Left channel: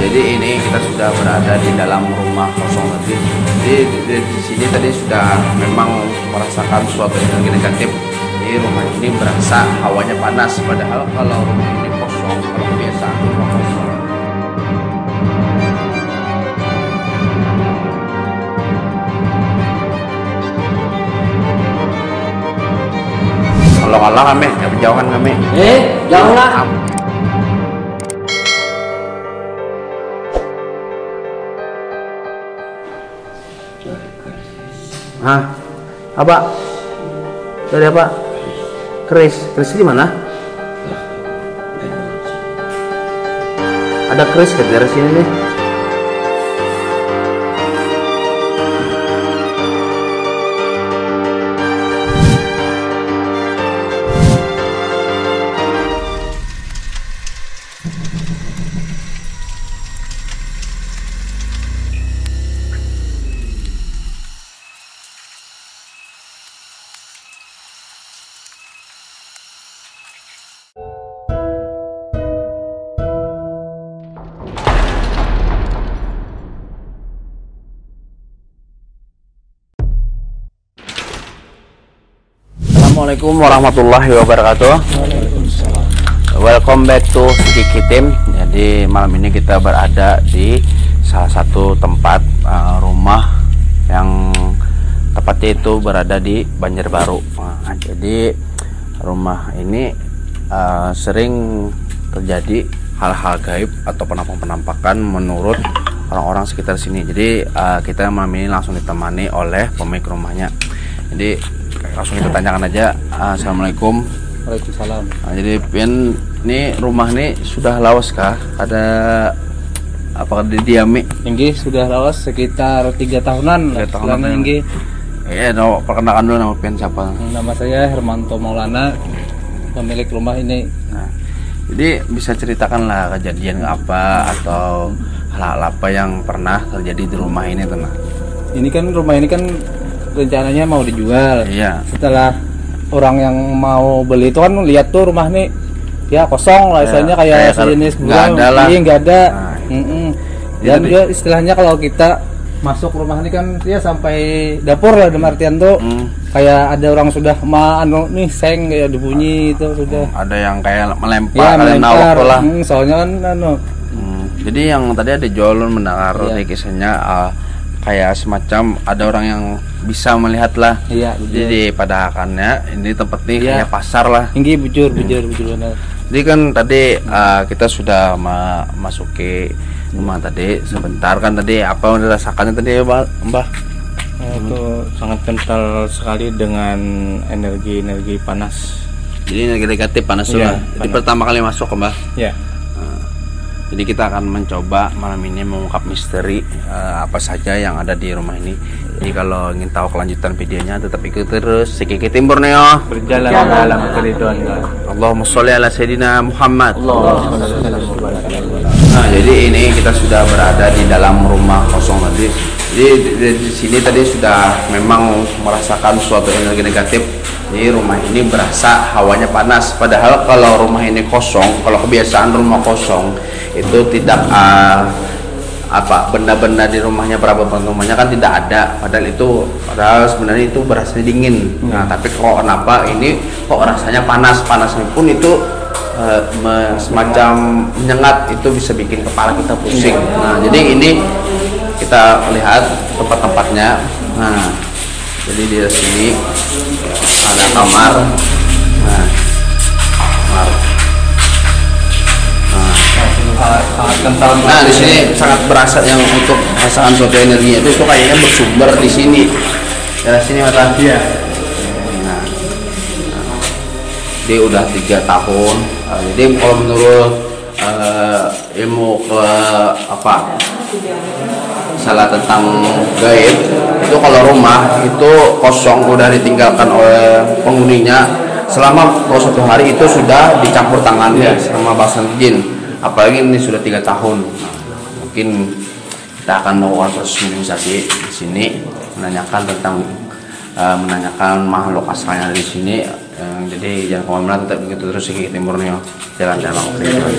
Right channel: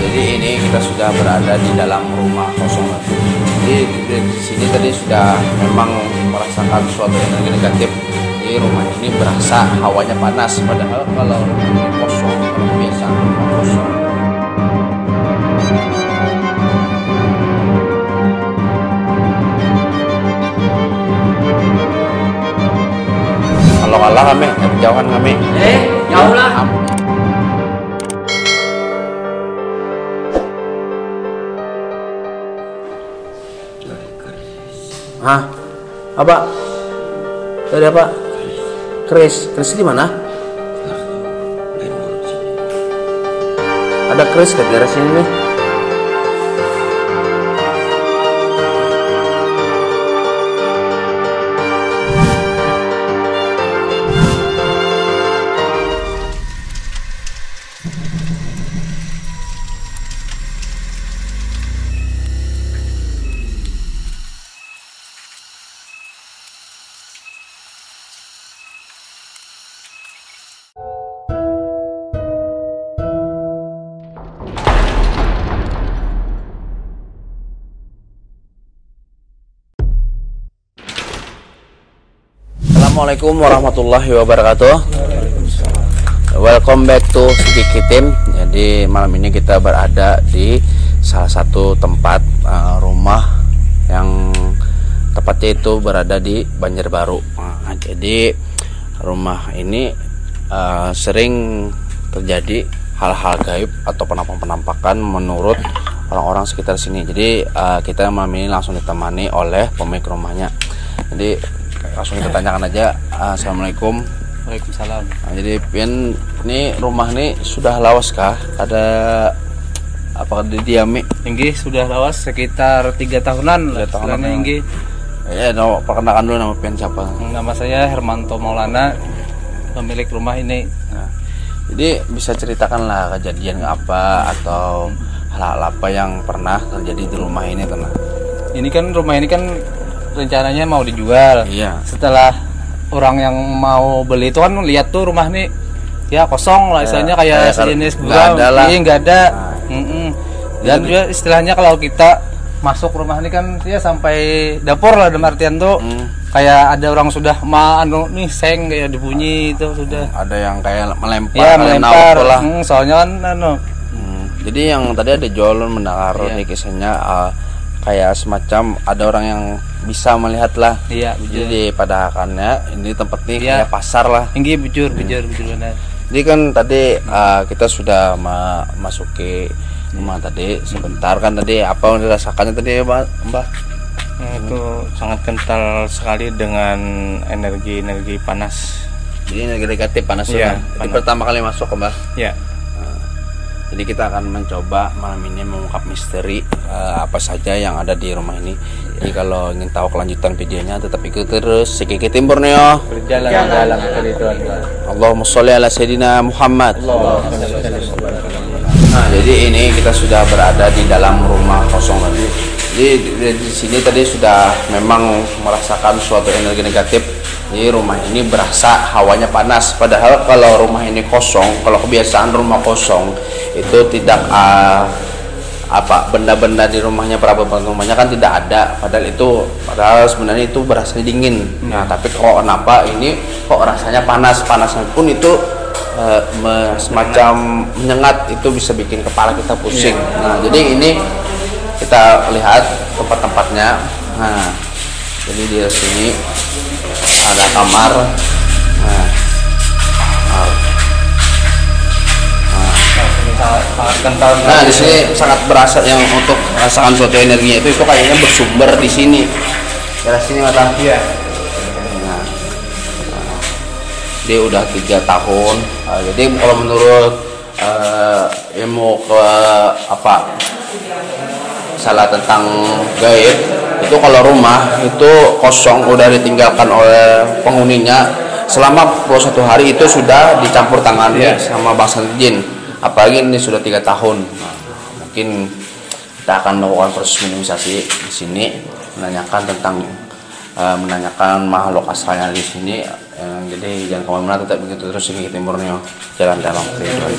Jadi ini kita sudah berada di dalam rumah kosong tadi. Jadi di sini tadi sudah memang merasakan suatu energi negatif. Di rumah ini berasa hawanya panas, padahal kalau rumah ini kosong, kalau kebiasaan rumah kosong. Kalau kalah kami, jauhan kami. Jauh lah. Hah? Apa? Tadi apa? Kris di mana? Ada kris ke daerah sini nih. Assalamualaikum warahmatullahi wabarakatuh. Welcome back to Sikiki Team. Jadi malam ini kita berada di salah satu tempat rumah yang tepatnya itu berada di Banjarbaru. Nah, jadi rumah ini sering terjadi hal-hal gaib atau penampakan menurut orang-orang sekitar sini. Jadi kita malam ini langsung ditemani oleh pemilik rumahnya. Jadi langsung kita tanyakan aja. Assalamualaikum. Waalaikumsalam. Nah, jadi Pian, ini rumah ini sudah lawas kah? Ada apakah didiami? Tinggi sudah lawas sekitar 3 tahunan. 3 tahunan Tinggi. Ya, perkenalkan dulu nama Pian siapa? Nama saya Hermanto Maulana, pemilik rumah ini. Nah, jadi bisa ceritakanlah kejadian apa atau hal-hal apa yang pernah terjadi di rumah ini, teman? Ini kan rumah ini kan rencananya mau dijual. Iya. Setelah orang yang mau beli itu kan lihat tuh rumah nih ya kosong lah, istilahnya kayak sejenis nggak ada lah. Iya, nggak ada. Nah, Dan juga istilahnya kalau kita masuk rumah ini kan dia sampai dapur lah, dalam artian tuh kayak ada orang sudah nih seng kayak dibunyi itu sudah. Ada yang kayak melempar, Ya, kalian nawak tuh lah. Soalnya kan Jadi yang tadi ada Jolon mendengar di kisahnya kayak semacam ada orang yang bisa melihat lah. Iya, jadi pada akannya ini tempat nih kayak pasar lah. Tinggi bujur benar. Jadi kan tadi kita sudah memasuki rumah tadi sebentar kan, tadi apa yang dirasakannya tadi Mbah? Itu sangat kental sekali dengan energi panas. Jadi energi negatif panas Iya, Jadi pertama kali masuk Mbah. Ya. Jadi kita akan mencoba malam ini mengungkap misteri apa saja yang ada di rumah ini. Jadi kalau ingin tahu kelanjutan videonya tetap ikuti terus Sikiki Team Borneo. Berjalan dalam keriduan Allah. Allahumma sholli ala sayyidina Muhammad. Nah, jadi ini kita sudah berada di dalam rumah kosong tadi. Jadi di sini tadi sudah memang merasakan suatu energi negatif. Jadi rumah ini berasa hawanya panas, padahal kalau rumah ini kosong, kalau kebiasaan rumah kosong itu tidak benda-benda di rumahnya, perabot rumahnya kan tidak ada, padahal sebenarnya itu berasa dingin. Nah, tapi kok kenapa ini kok rasanya panas pun itu semacam menyengat, itu bisa bikin kepala kita pusing. Nah, jadi ini kita lihat tempat-tempatnya. Nah, jadi di sini ada kamar. Nah, sangat kental. Nah, di sini sangat berasa yang untuk merasakan suatu energinya itu kayaknya bersumber di sini. Rasanya mata. Iya. Nah, dia udah 3 tahun. Jadi kalau menurut ilmu salah tentang gaib itu, kalau rumah itu kosong udah ditinggalkan oleh penghuninya selama 1 hari itu sudah dicampur tangani sama bangsa jin, apalagi ini sudah 3 tahun. Mungkin kita akan melakukan proses minimalisasi di sini, menanyakan makhluk asalnya di sini. Jadi jangan kemana-mana, tetap begitu terus Sikiki Team Borneo, jalan dalam kehidupan.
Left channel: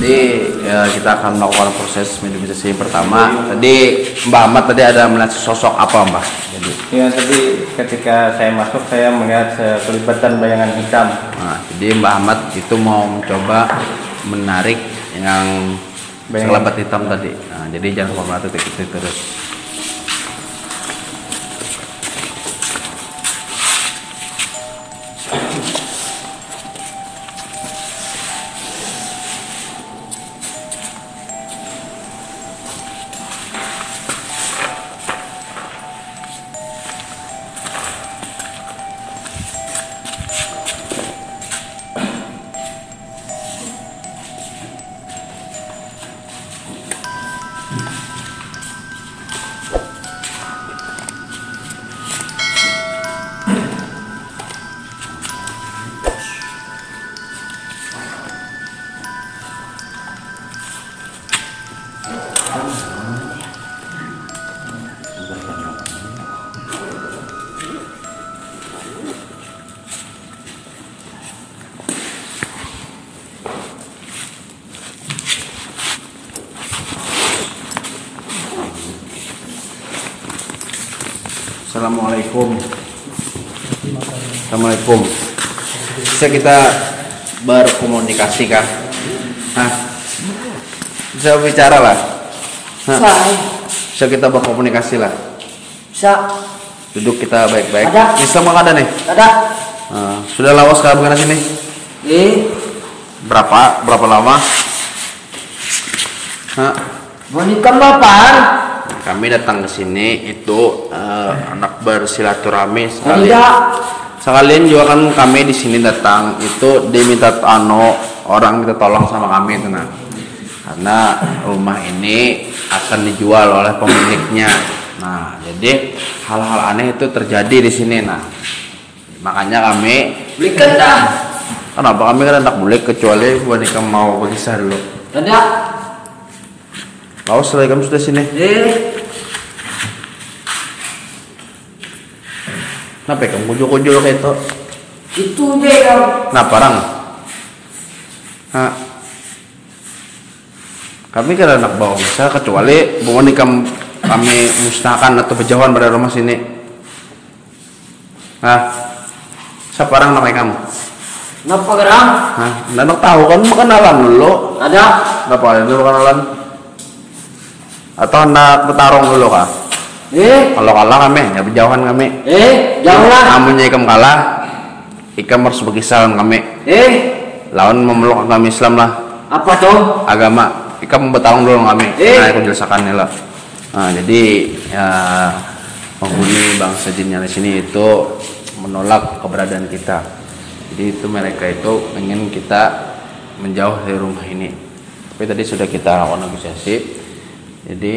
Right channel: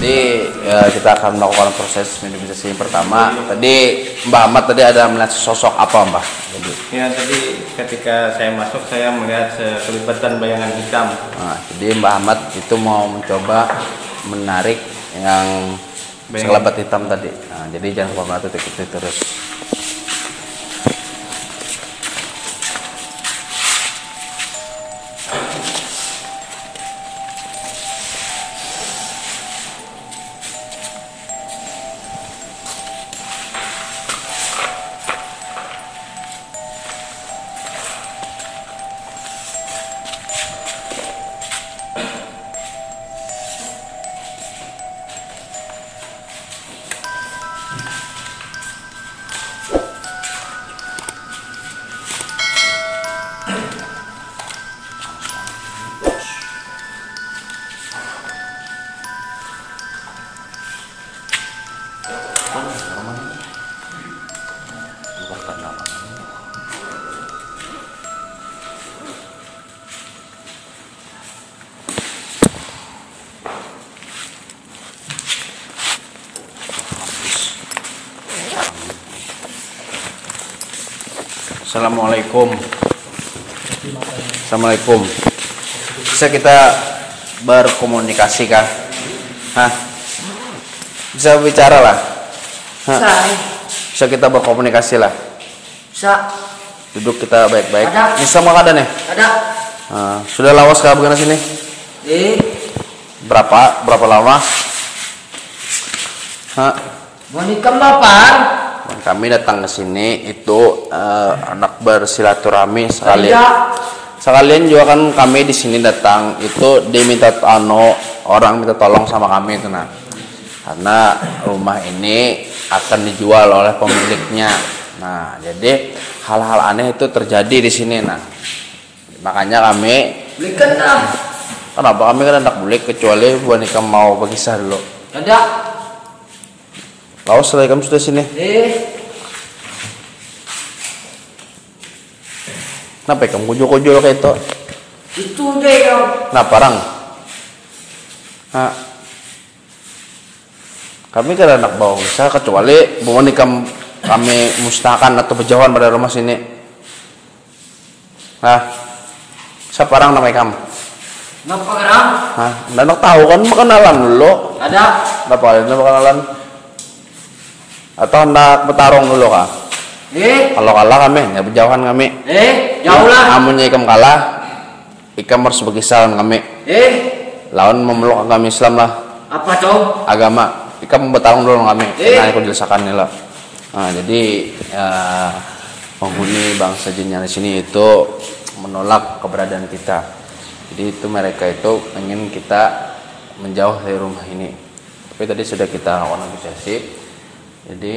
Jadi ya, kita akan melakukan proses meditasi yang pertama. Tadi Mbak Ahmad tadi ada melihat sosok apa Mbak? Jadi ya tadi ketika saya masuk saya melihat kelibatan bayangan hitam. Nah, jadi Mbak Ahmad itu mau mencoba menarik yang sekelebat hitam tadi. Nah, jadi jangan lupa titik terus. Assalamualaikum. Assalamualaikum. Bisa kita berkomunikasi kah? Hah? Bisa bicara lah. Bisa kita berkomunikasi lah. Bisa. Duduk kita baik-baik. Ada. Bisa makan ada nih? Ada. Nah, sudah lawas kah bukan sini? Berapa lama? Hah? Mau nikah bapak? Kami datang ke sini itu anak bersilaturahmi sekalian juga kan kami di sini datang itu diminta orang minta tolong sama kami itu nah. Karena rumah ini akan dijual oleh pemiliknya. Nah, jadi hal-hal aneh itu terjadi di sini nah. Makanya kami Belikan dah. kenapa kami kan anak boleh kecuali buat nikah mau berkisah dulu. Ada. Lawas setelah kamu sudah sini. Kenapa kamu kujo-kujo kayak itu? Itu deh kamu. Nah parang. Hah. Kami kan anak bawang bisa kecuali bukan kami musnahkan atau berjauhan pada rumah sini. Hah. Siapa orang namanya kamu? Kenapa gerang? Hah. Anak tahu kan kenalan dulu. Ada. Kenapa dulu kenalan? Atau hendak bertarung dulu kah? Kalau kalah kami, ya berjauhan kami. Jauh lah. Amunnya ikam kalah, ikam harus berkisah kami. Lawan memeluk agama Islam lah. Apa tuh? Agama, ikam bertarung dulu kami. Nah, aku jelaskan nih lah. Nah, jadi ya, penghuni bangsa jin yang di sini itu menolak keberadaan kita. Jadi itu mereka itu ingin kita menjauh dari rumah ini. Tapi tadi sudah kita lakukan negosiasi. Jadi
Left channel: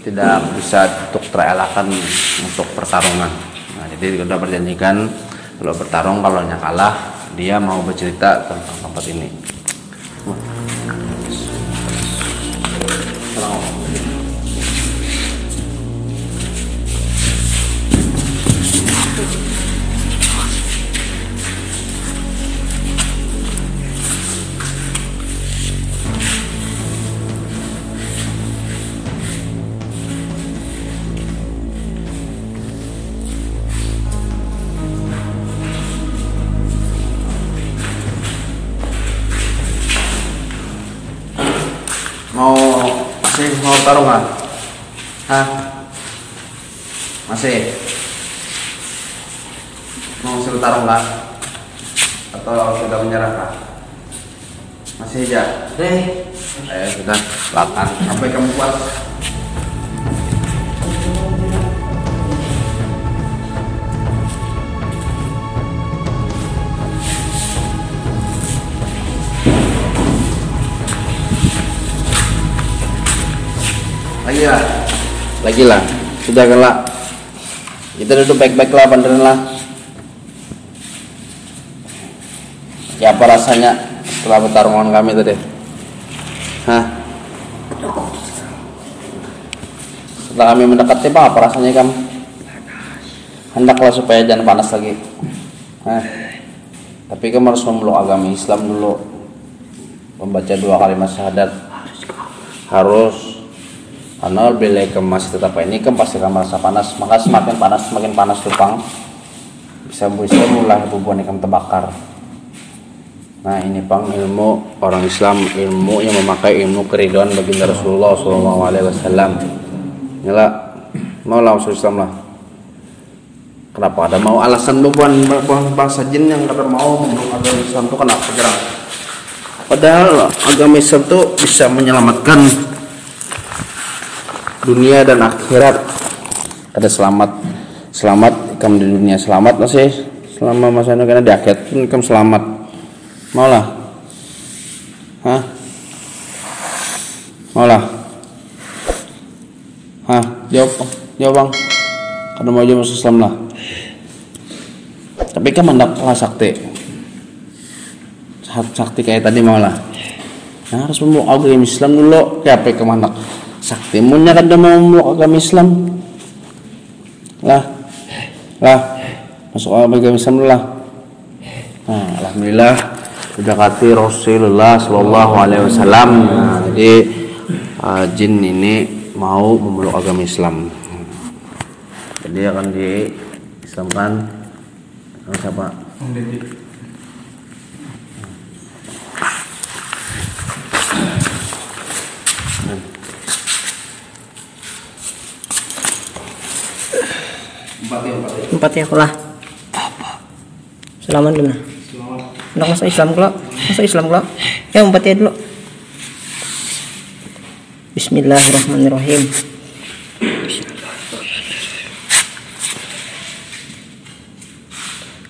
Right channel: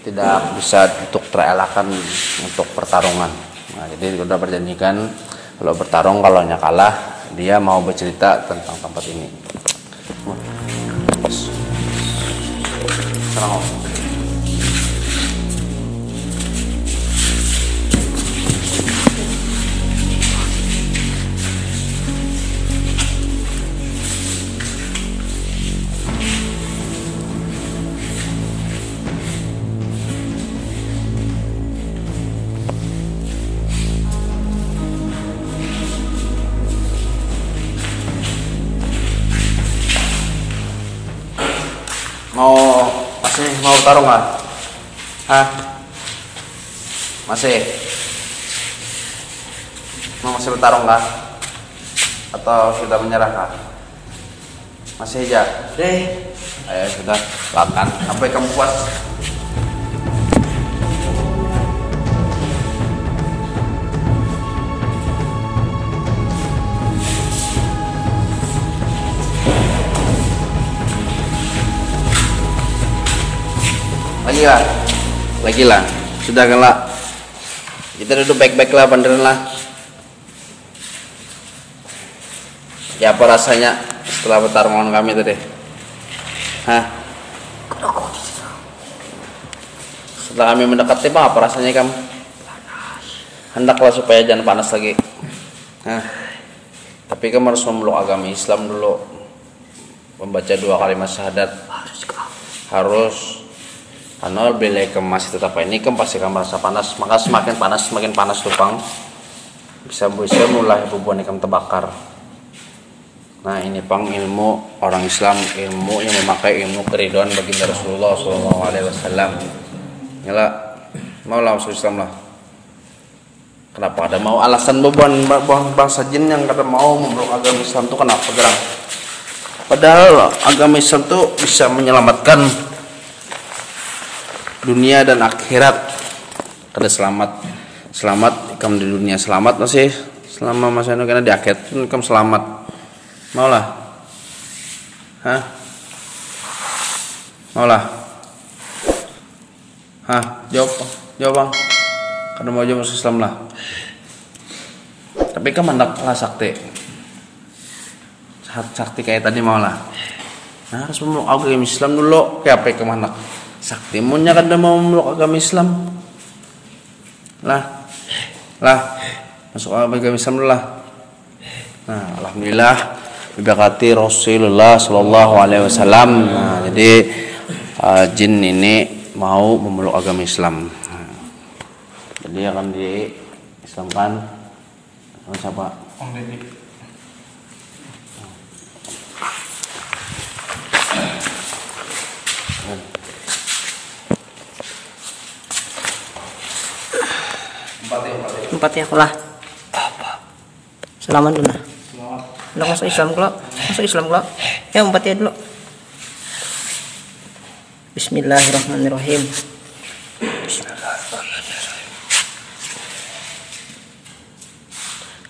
tidak bisa untuk terelakkan untuk pertarungan. Nah, jadi sudah perjanjikan kalau bertarung kalau kalah dia mau bercerita tentang tempat ini. Masih mau tarung nggak? Hah? Masih bertarung nggak? Atau sudah menyerah kah? Masih aja? Ayo sudah, lakukan sampai kamu puas. Lagi lah, sudah kan lah. Kita duduk baik-baik lah, beneran lah. Ya apa rasanya setelah pertarungan kami tadi? Hah? Setelah kami mendekati bang, apa rasanya kamu? Hendaklah supaya jangan panas lagi. Hah? Tapi kamu harus memeluk agama Islam dulu. membaca 2 kalimat syahadat harus karena bila masih tetap ini pasti akan merasa panas, maka semakin panas tupang bisa mulai bubuhan ikan terbakar. Nah ini pang ilmu orang Islam, ilmu yang memakai ilmu keridhaan baginda Rasulullah SAW. Inilah mau lah masuk Islam lah. Kenapa ada mau alasan bubuhan bangsa jin yang kata mau memeluk agama Islam itu kenapa gerang? Padahal agama Islam itu bisa menyelamatkan dunia dan akhirat. Ada selamat kamu di dunia, selamat masih selama masa ini, karena di akhirat pun kamu selamat. Maulah, maulah, jawab bang, karena mau jawab masuk Islam lah. Tapi kan mandak lah sakti kayak tadi maulah. Nah harus memeluk agama Islam dulu, kayak apa kemana? Sakti munya kan udah mau memeluk agama Islam lah masuk agama Islam dulu lah. Nah alhamdulillah berkati Rasulullah Shallallahu Alaihi Wasallam. Nah, jadi jin ini mau memeluk agama Islam. Jadi akan diislamkan oleh siapa? Om Deddy. Empat ya kulah. Selamat dulu. Udah masuk Islam kelak. Ya empat ya dulu. Bismillahirrahmanirrahim.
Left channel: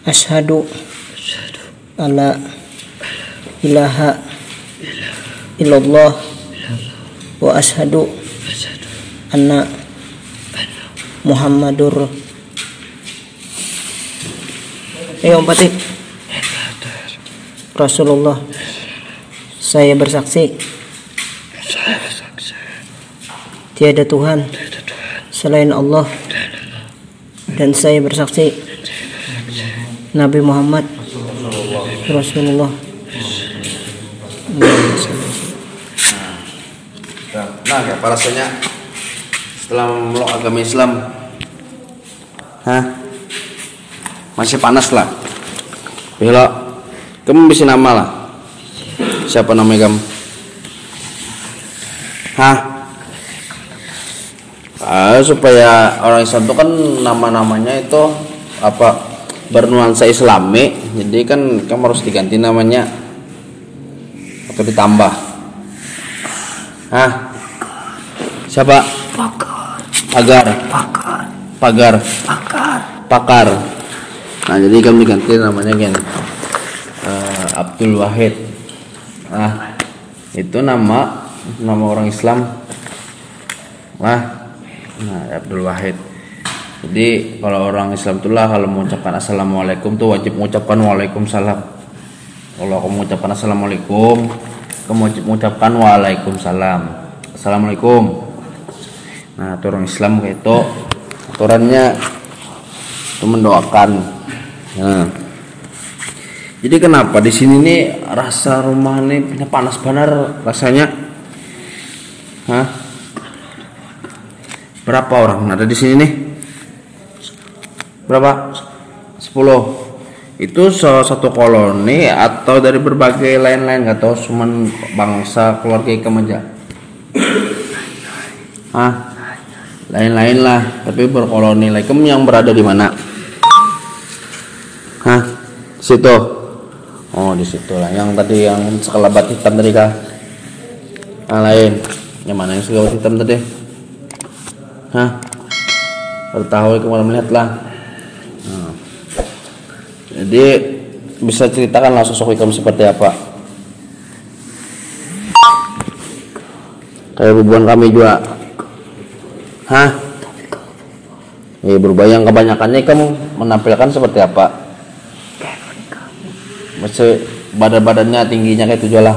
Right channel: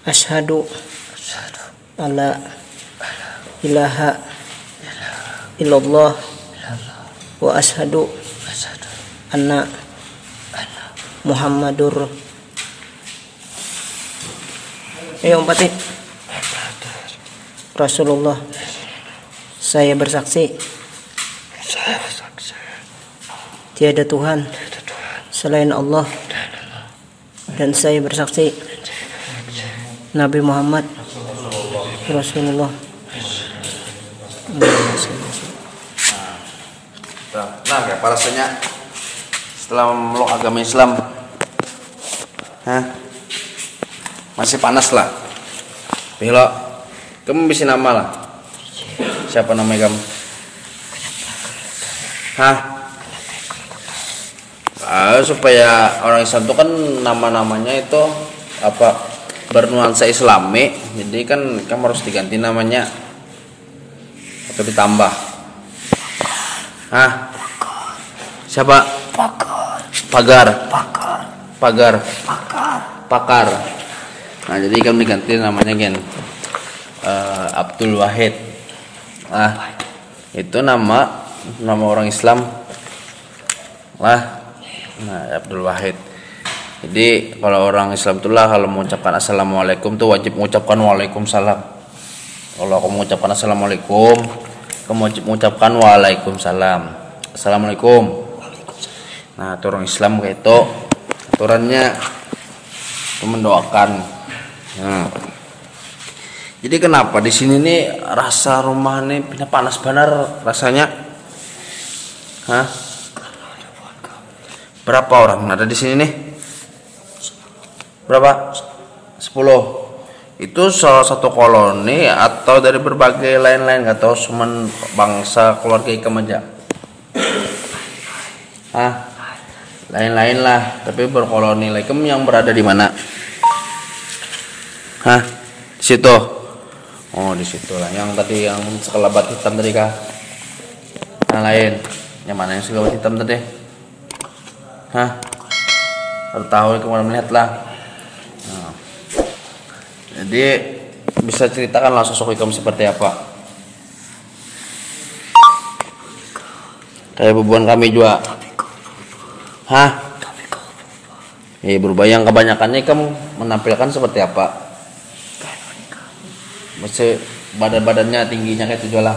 Asyhadu alla ilaha illallah wa asyhadu anna Muhammadur empati Rasulullah. Saya bersaksi tiada Tuhan selain Allah, dan saya bersaksi Nabi Muhammad Rasulullah. Nah, apa rasanya setelah memeluk agama Islam? Masih panas lah. Bila kamu bisa nama lah. Siapa namanya kamu? Supaya orang Islam itu kan nama-namanya itu apa bernuansa Islami, jadi kan kamu harus diganti namanya atau ditambah. Siapa? Pakar. Nah jadi kamu diganti namanya kan Abdul Wahid. Itu nama orang Islam. Nah Abdul Wahid. Jadi kalau orang Islam itulah kalau mengucapkan assalamualaikum tuh wajib mengucapkan waalaikumsalam. Kalau kamu mengucapkan assalamualaikum, kamu wajib mengucapkan waalaikumsalam. Assalamualaikum. Nah itu orang Islam kayak itu aturannya itu mendoakan. Nah, jadi kenapa di sini nih rasa rumah ini panas benar rasanya? Berapa orang ada di sini nih? Berapa? 10. Itu salah satu koloni atau dari berbagai lain-lain, nggak tahu cuman bangsa keluarga Ikam aja? Lain-lain lah, tapi berkoloni. Ikam yang berada di mana? Di situ. Oh, di situ lah. Yang tadi yang sekelebat hitam tadi kah? Yang lain. Yang mana yang sekelebat hitam tadi? Baru tahu kemarin melihat lah. Jadi bisa ceritakan lah sosok Ikam seperti apa? Kayak bubuhan kami juga. Berubah, yang kebanyakannya kamu menampilkan seperti apa? Masih badan-badannya tingginya kayak itu lah.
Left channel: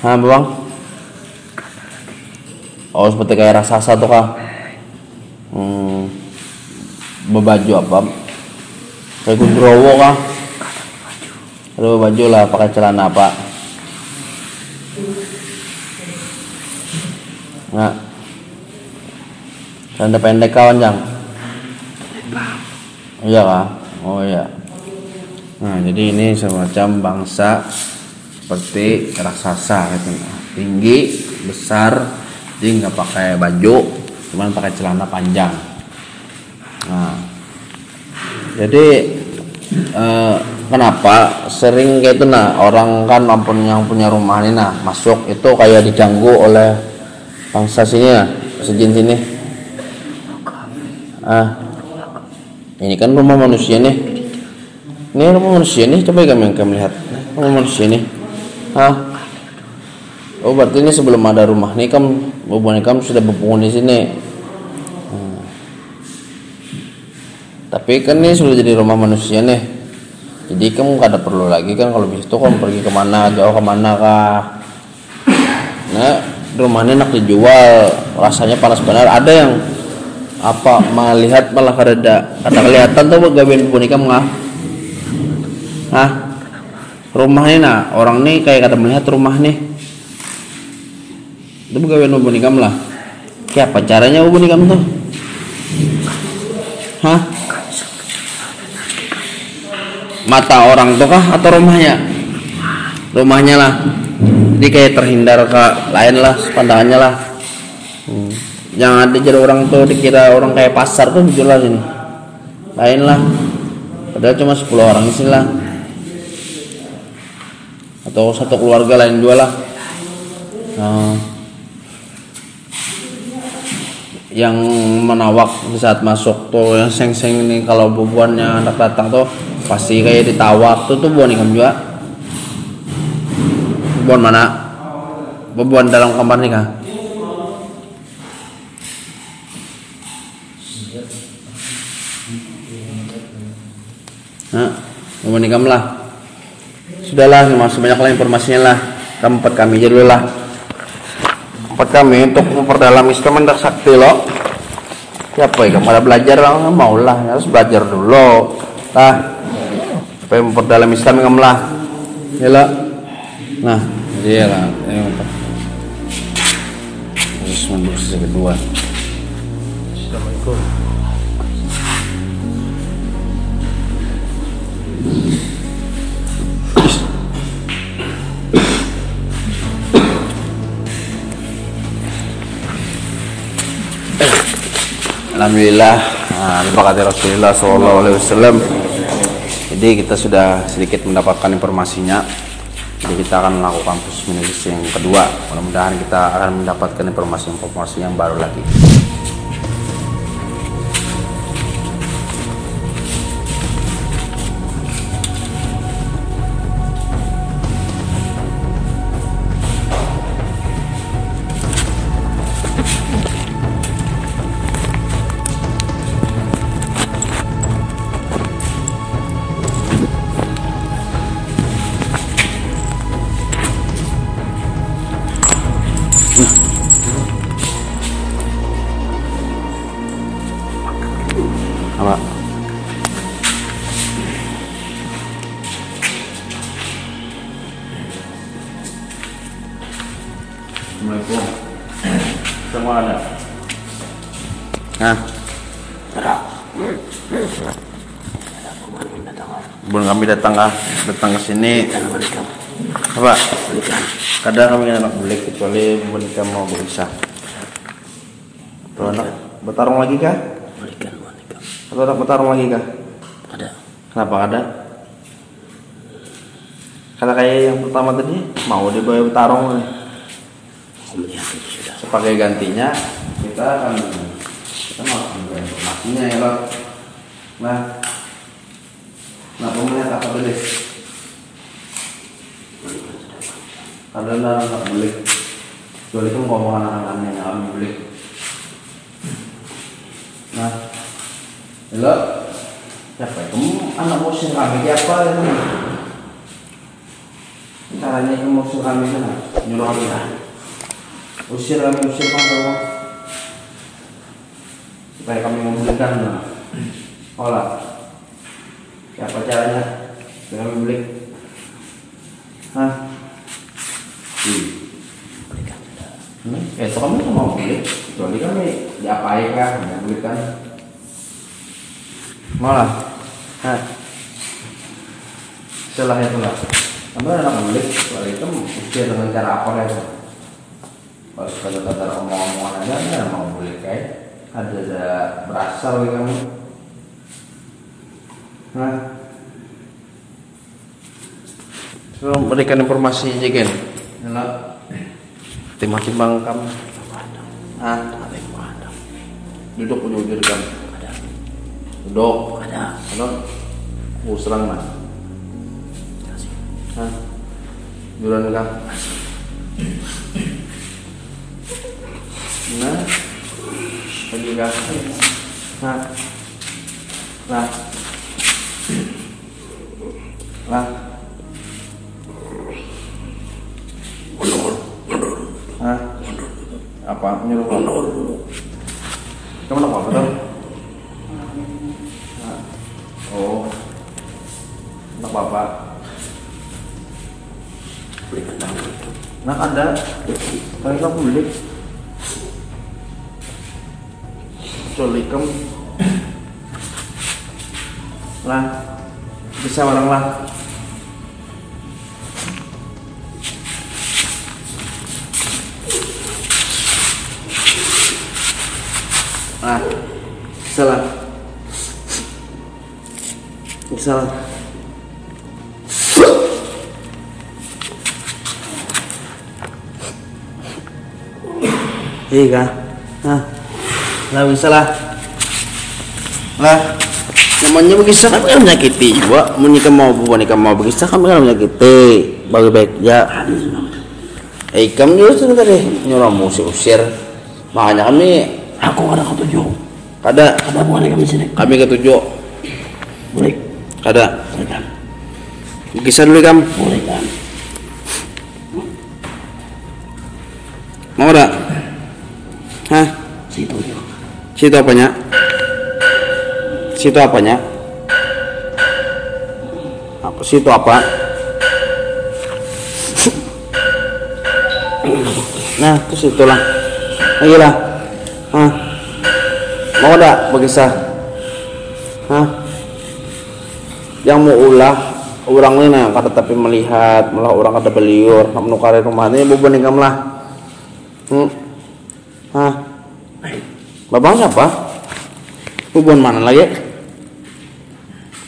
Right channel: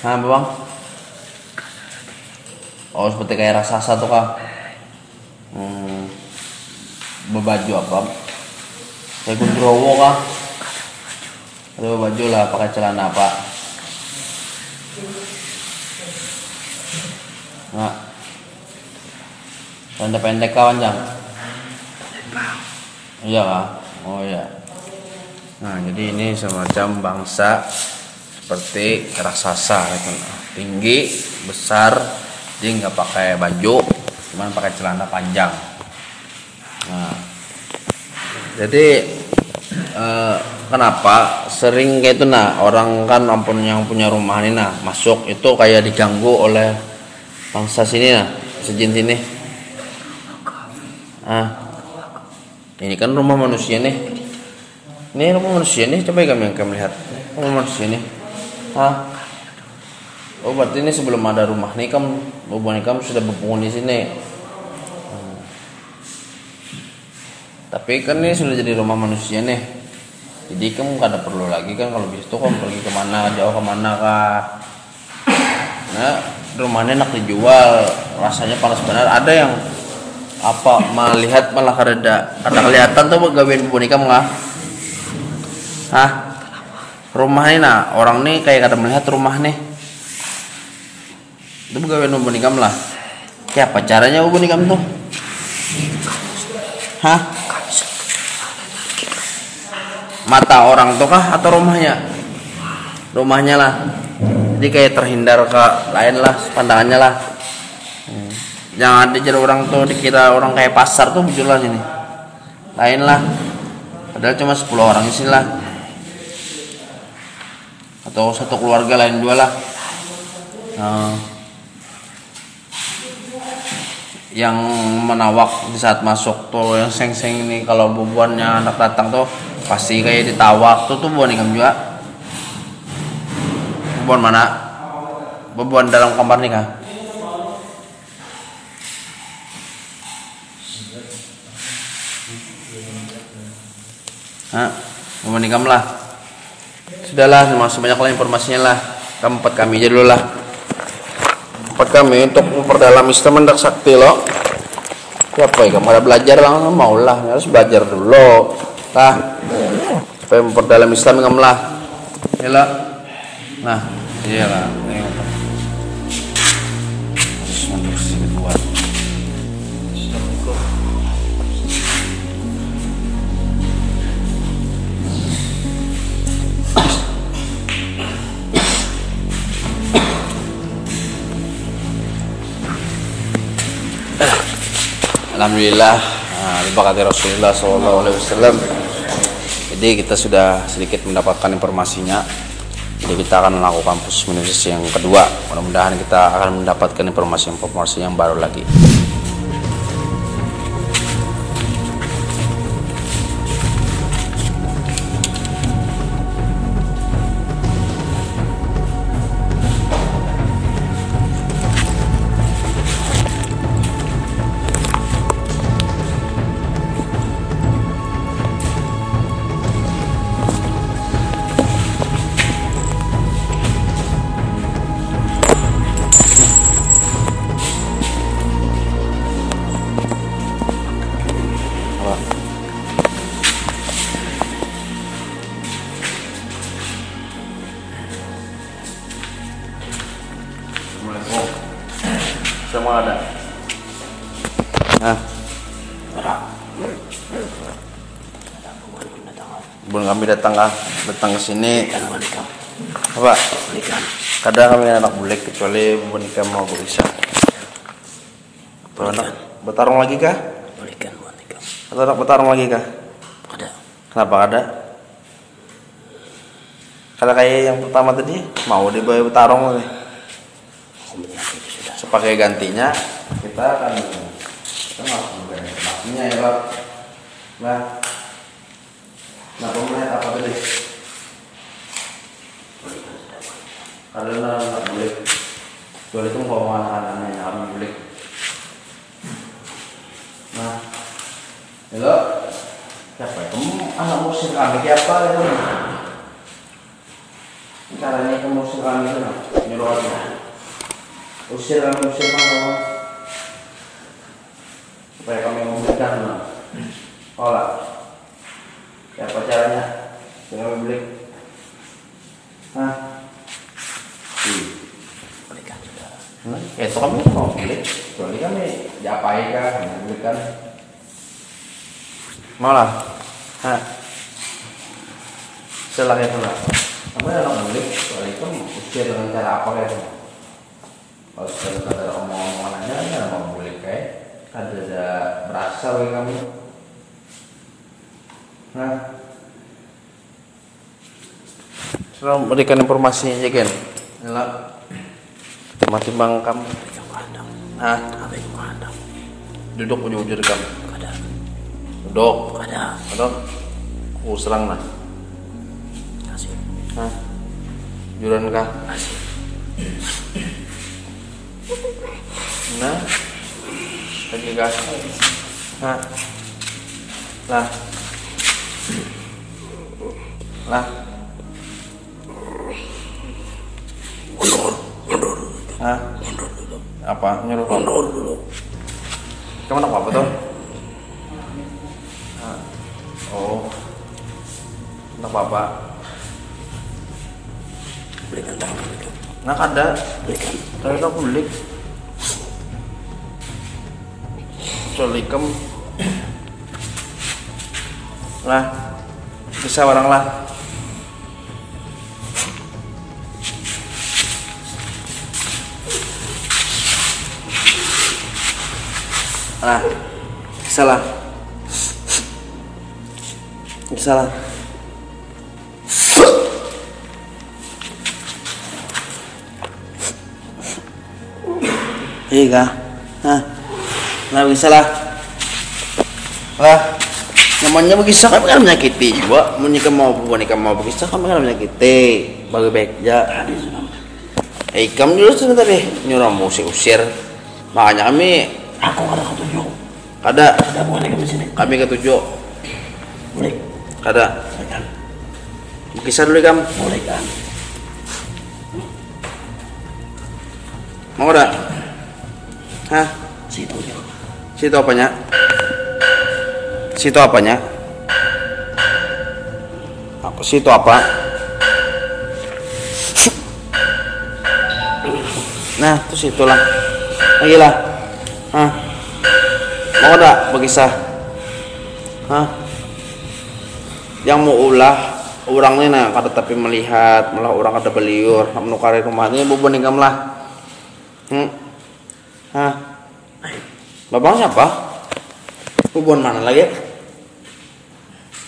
Bang? Oh seperti kayak raksasa tuh kah? Berbaju apa? Kayak Gundrowo kah? Aduh baju lah, pakai celana apa? Nah, tanda pendek kawan jang. Iya kah? Oh iya. Nah, jadi ini semacam bangsa seperti raksasa gitu. Tinggi, besar, dia nggak pakai baju, cuman pakai celana panjang. Nah, jadi kenapa sering kayak itu nah orang kan ampun yang punya rumah ini nah masuk itu kayak diganggu oleh bangsa sini nah sejin sini. Ini kan rumah manusia nih. Ini rumah manusia nih, coba kami lihat rumah manusia nih. Oh berarti ini sebelum ada rumah nih kamu sudah berpenghuni sini. Tapi kan ini sudah jadi rumah manusia nih. Jadi kamu gak ada perlu lagi kan kalau begitu kamu pergi kemana, jauh kemana kah. Nah rumahnya enak dijual, rasanya panas benar. Ada yang apa melihat malah kada kelihatan tuh gawean boneka nggak? Rumah ini nah orang nih kayak kada melihat rumah nih. Itu gawean boneka lah. Kayak apa caranya boneka tuh? Mata orang tuh kah atau rumahnya? Rumahnya lah. Jadi kayak terhindar ke lain lah pandangannya lah. Jangan dikira orang tuh dikira orang kayak pasar tuh jujur lah sini. Lain lah. Padahal cuma 10 orang di sini lah. Atau satu keluarga lain dua lah. Yang menawak di saat masuk tuh yang seng-seng ini kalau bubuannya anak datang tuh pasti kayak ditawak tuh bubuan ikam juga. Bubuan mana? Bubuan dalam kamar nih kah? Bubuan ikam lah. Sudahlah, masih banyak lah informasinya lah. Tempat kami aja dulu lah. Tempat kami untuk memperdalam Islam mendak sakti loh. Siapa ya? Kamu ada belajar lah, mau lah, harus belajar dulu. Supaya memperdalam Islam kamu lah. Yalah. Nah, dia lah. Harus mundur sisi kedua. Assalamualaikum. Alhamdulillah, terima kasih Rasulullah SAW. Jadi kita sudah sedikit mendapatkan informasinya. Jadi kita akan melakukan proses minus yang kedua. Mudah-mudahan kita akan mendapatkan informasi yang baru lagi. Assalamualaikum. Semua ada. Belum kami datang ke sini. Apa? Kadang kami anak bulik kecuali boneka mau berisah. Atau anak bertarung lagi kah? Boneka. Atau anak bertarung lagi kah? Ada. Kenapa ada? Karena kayak yang pertama tadi mau dibawa bertarung. Sebagai gantinya kita akan melakukan informasinya ya loh. Nah kamu lihat apa tadi? Kalian nggak boleh itu ngomong anak-anaknya yang kami boleh. Nah, halo, siapa ya? Kamu anak musir kami siapa ya kamu? Caranya kamu musir kami itu nah, nyuruh kami. Usir kamu supaya kami membelikan nah. Olah siapa caranya supaya kami beli Itu kami mau beli, kecuali kami diapain kan, ngambil kan. Malah, setelah itu lah, kami anak beli, setelah itu usir dengan cara apa ya? Kalau sekedar omong-omongan aja, kami anak mau beli kayak ada berasal ya kami. Nah, selalu berikan informasinya aja kan, enak. Timbang-timbang kamu. Nah, duduk ujur-ujur kan. Duduk. Ada. Serang nah. Hah? Juran kah? Nah. Lagi kah? Nah. Lah. Lah. Hah? Apa? Nyuruh. Kamu nak apa tuh? Oh. Nak apa? Belikan tahu. Nak ada. Kalau kamu beli. Kecuali kamu. Lah. Bisa orang lah. Salah. Iya, nggak bisa lah. Namanya berkisah kan menyakiti juga. Menikah mau berkisah kan menyakiti. Bagi baik ya. Kamu dulu sebentar deh. Nyuruh musik usir. Makanya kami. Aku ada ketujuh. Ada boleh kami sini. Kami ketujuh. Boleh. Ada. Boleh kan? Kisah dulu kan? Boleh kan? Mau ada? Hah? Situ apanya? Situ apanya? Apa situ apa? Nah, terus itulah. Lagi lah. Hah? Mau ada berkisah? Hah? Yang mau ulah orang ini nah kata tapi melihat malah orang kata beliur menukari rumahnya bukan nikam lah. Hah? Bapak siapa? Bukan mana lagi?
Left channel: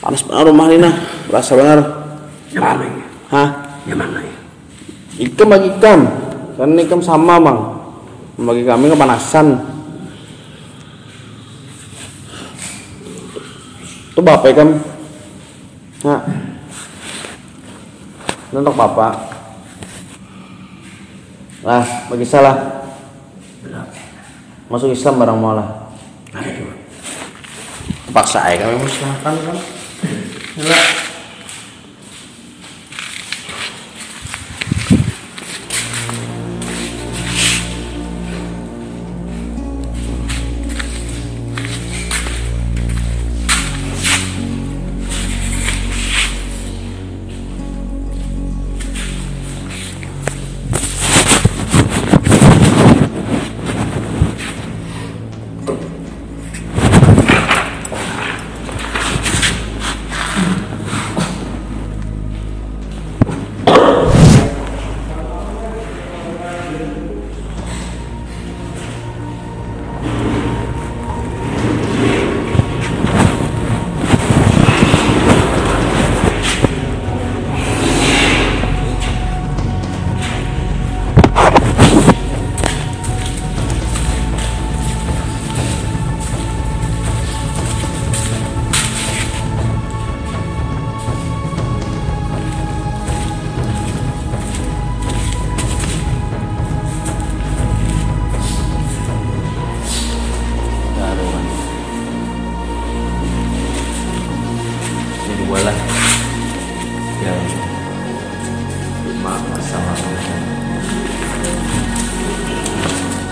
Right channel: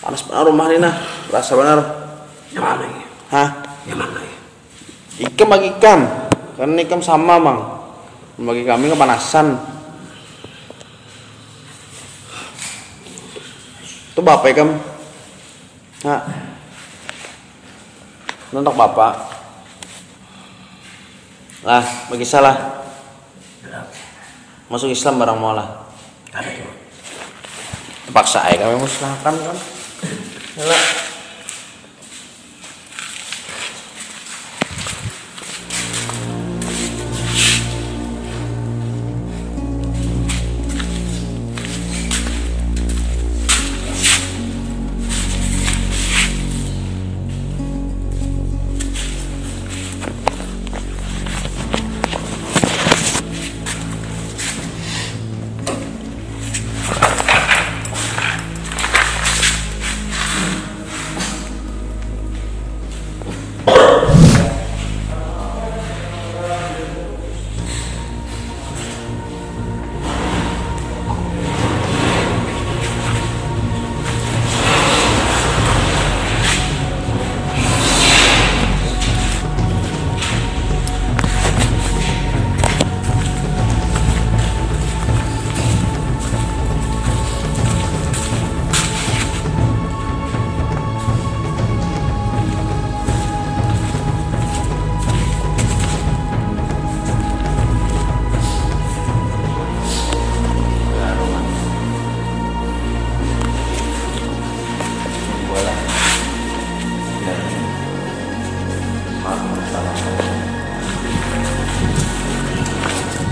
Panas benar rumah ini nah, rasa benar. Yang mana ini? Hah? Yang mana ini? Ikam bagi ikam, karena ikam sama bang. Bagi kami kepanasan. Itu bapak ikam. Hah? Untuk bapak. Lah, bagi salah. Masuk Islam barang malah. Terpaksa ya kami musnahkan kan. Yalah.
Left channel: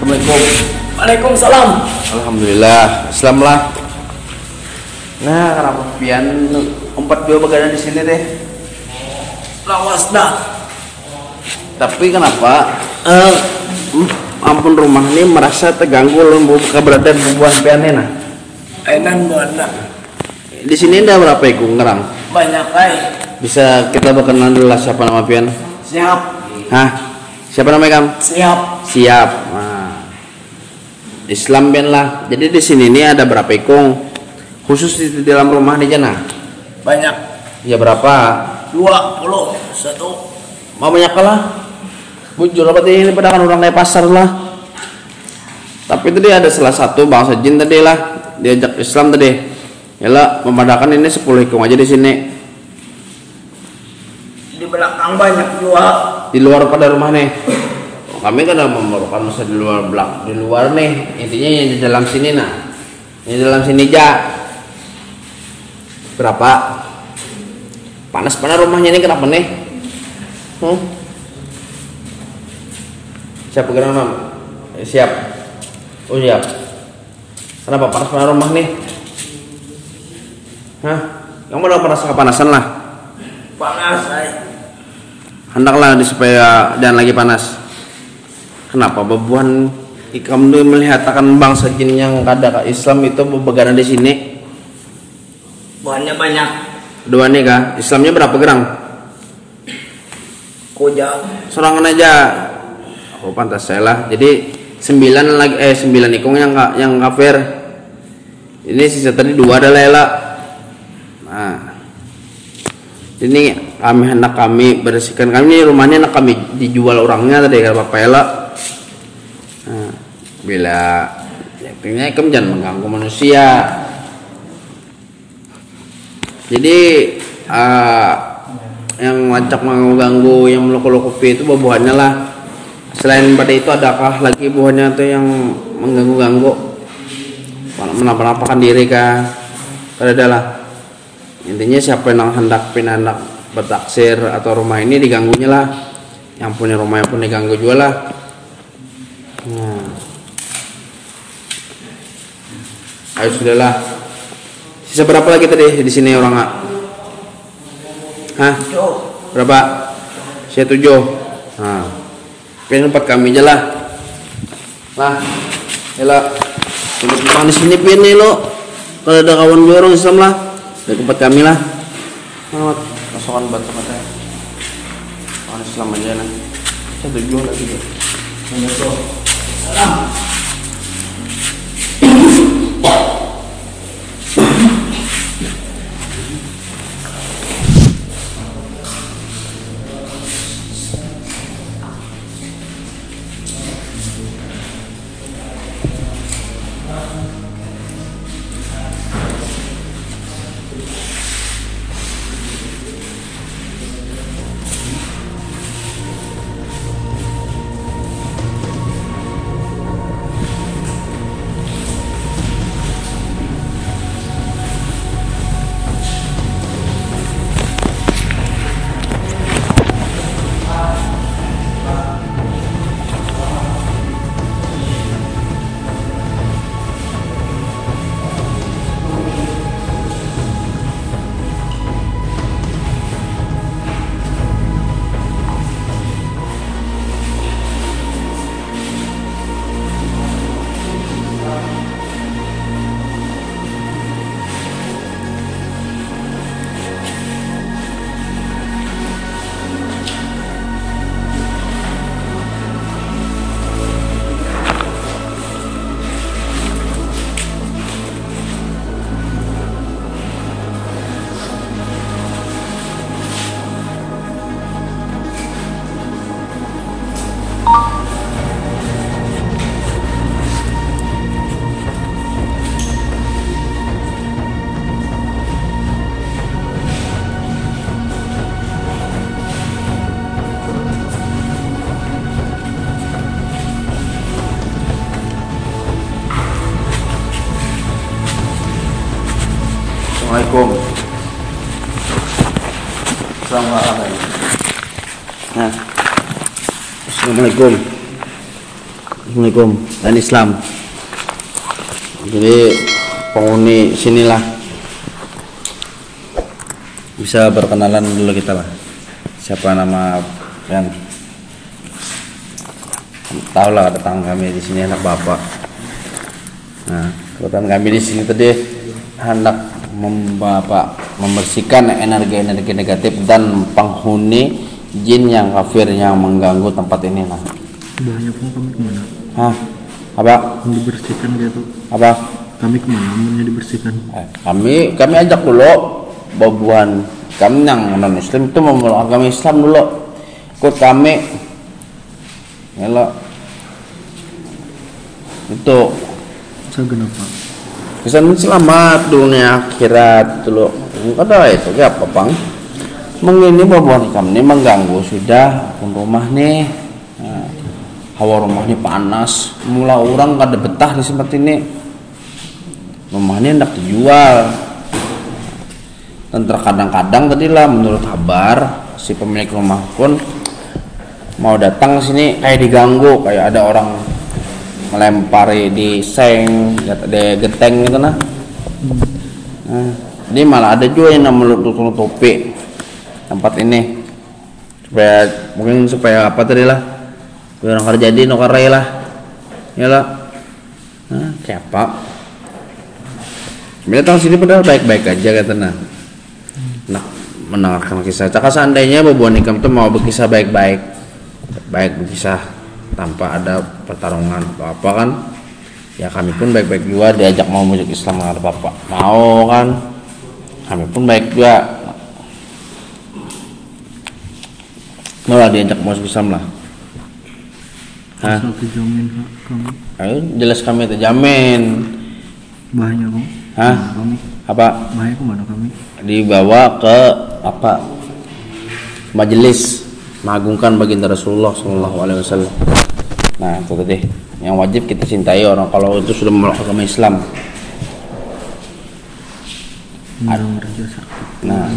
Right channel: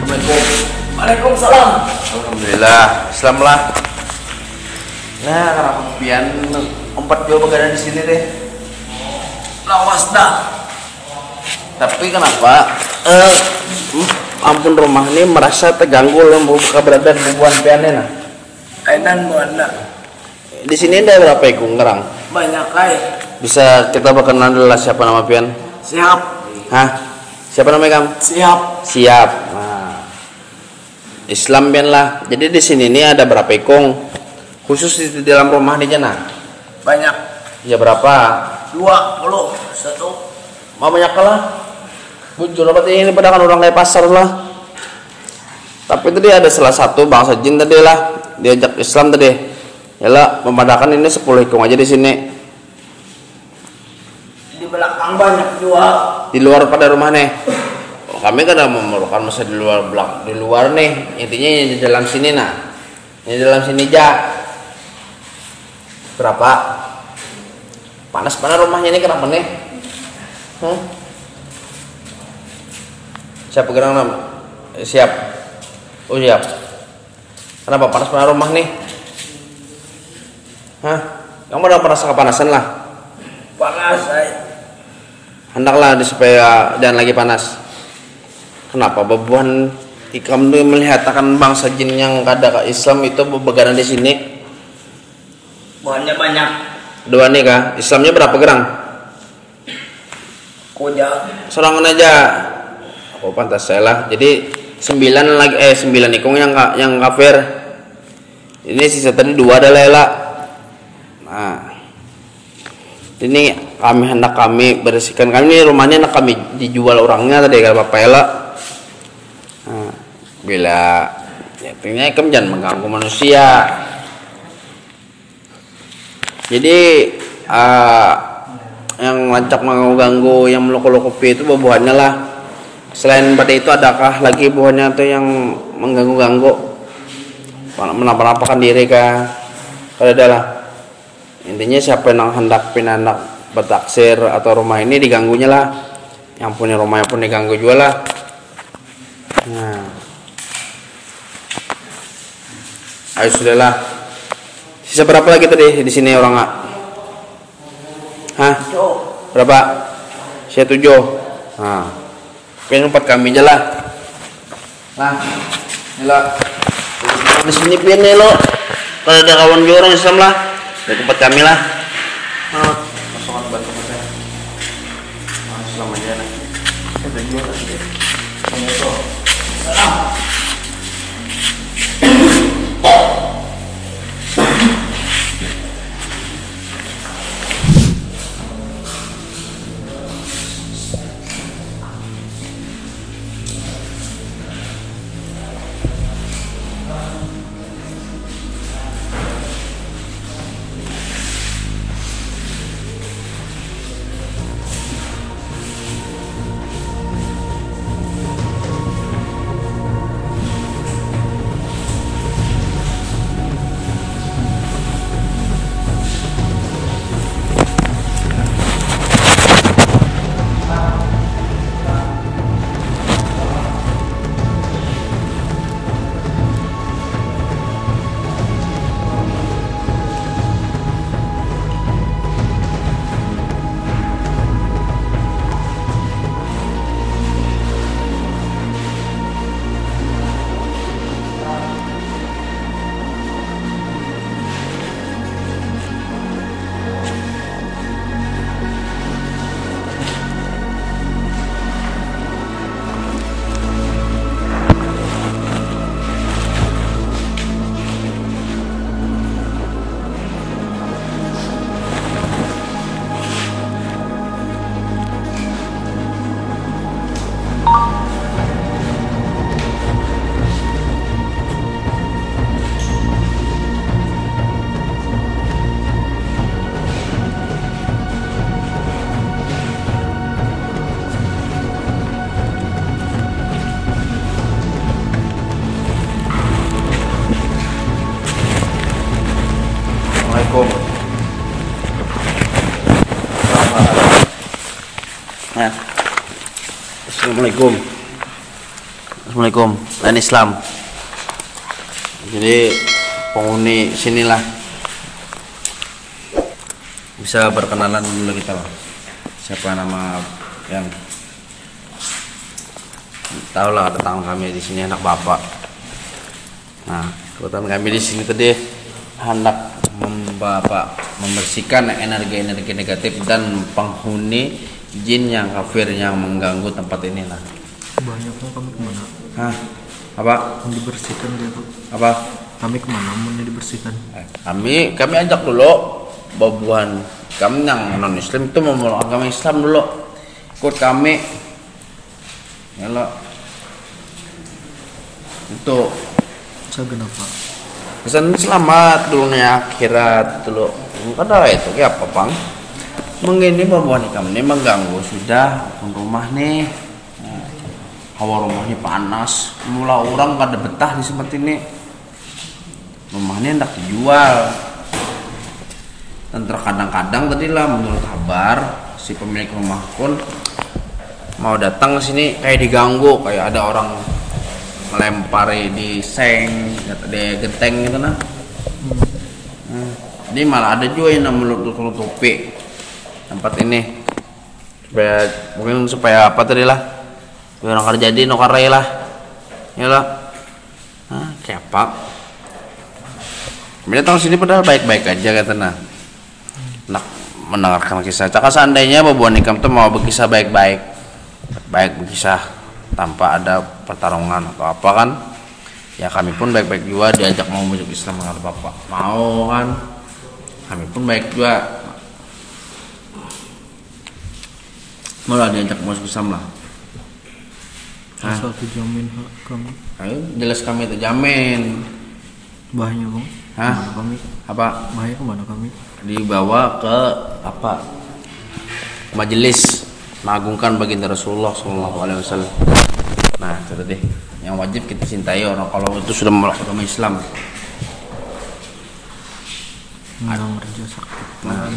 Assalamualaikum. Waalaikumsalam. Alhamdulillah, Islam lah. Nah, kenapa pian 4 begadang di sini deh? Lawas dah. Tapi kenapa? ampun rumah ini merasa terganggu oleh keberadaan bubuhan pianena. Ainan buana. Di sini ada berapa ekor ngerang? Banyak ay. Bisa kita berkenalan dulu lah siapa nama pian? Siap. Hah? Siapa namanya kamu? Siap. Siap. Nah. Islam pian lah. Jadi di sini ini ada berapa ekor? Khusus di dalam rumah di sana? Banyak. Ya berapa? 21. Mau banyak lah. Bujur apa ini pada kan orang kayak pasar lah. Tapi tadi ada salah satu bangsa jin tadi lah diajak Islam tadi. Yalah memadakan ini 10 ekor aja di sini. Di belakang banyak jual. Di luar pada rumah nih. Oh, kami kan memerlukan masa di luar di luar nih. Intinya yang di dalam sini nah. Yang di dalam sini aja. Berapa? Panas-panas rumahnya ini kenapa nih? Siap gerak nam? Siap. Oh siap. Kenapa panas-panas rumah nih? Hah? Kamu udah merasa kepanasan lah? Panas ay. Hendaklah supaya jangan lagi panas. Kenapa bebuan kamu melihat akan bangsa jin yang ada Islam itu bebegaran di sini? Buahnya banyak. Dua nih kah? Islamnya berapa gerang? Kuda. Sorangan aja. Aku pantas saya lah. Jadi 9 ikung yang kafir. Ini sisa tadi 2 ada lela. Nah, ini hendak kami bersihkan. Kami rumahnya hendak kami dijual orangnya tadi kalau Bapak Ela. Nah, bila artinya kamu jangan mengganggu manusia. Jadi yang lancak mengganggu, yang meloko-lokopi itu buah-buahannya lah. Selain pada itu adakah lagi buahnya tuh yang mengganggu-ganggu? Menapa-napakan diri kah? Kalau ada lah. Intinya siapa yang hendak bertaksir atau rumah ini diganggunya lah. Yang punya rumah yang pun diganggu juga lah. Nah. Ayo sudahlah. Sisa berapa lagi tadi di sini orang nggak? Hah? Berapa? Sisa 7. Nah. Pengen 4 kami aja lah. Lah. Yalah. Di sini pian nih lo. Kalau ada kawan gue orang Islam lah. Dari tempat kami lah. Masukkan batu katanya. Orang Islam aja nah. Saya tujuan lagi deh. Assalamualaikum. Assalamualaikum. Dan Islam. Jadi penghuni sinilah bisa berkenalan dulu kita lah. Siapa nama yang Tahu lah tetangga kami di sini anak bapak. Nah, kebetulan kami di sini tadi hendak membersihkan energi-energi negatif dan penghuni jin yang kafir yang mengganggu tempat ini lah. Banyaknya kami kemana? Hah? Apa? Dibersihkan gitu. Apa? Kami kemana mau dibersihkan? Kami ajak dulu babuan kami yang non Islam itu memeluk agama Islam dulu. Ikut kami. Yalah. Untuk kenapa? kesan selamat dunia akhirat dulu. Ada itu kayak apa bang? Mengini babuan kami ini mengganggu sudah rumah nih. Nah, hawa rumah ini panas. Mula orang kada betah di tempat ini. Rumahnya hendak dijual. Dan terkadang-kadang tadi lah menurut kabar si pemilik rumah pun mau datang ke sini kayak diganggu, kayak ada orang melempari di seng, di genteng gitu nah. Jadi malah ada juga yang menutupi tempat ini supaya apa tadi lah, supaya orang kerja di nokarai lah, ya lah. Kayak apa? Dia tahu sini padahal baik-baik aja kata nah. Mendengarkan kisah. Cakap seandainya babuan ikam tuh mau berkisah baik-baik berkisah tanpa ada pertarungan atau apa kan, ya kami pun baik-baik juga diajak mau masuk Islam dengan bapak mau kan, kami pun baik juga malah diajak masuk Islam lah. Asal terjamin kamu? Ayo jelas kami terjamin. Bahaya kamu? Kamu? Apa? Bahaya kemana kami? Dibawa ke apa? Majelis mengagungkan baginda Rasulullah SAW. Nah itu tadi yang wajib kita cintai orang kalau itu sudah memeluk agama Islam. Nah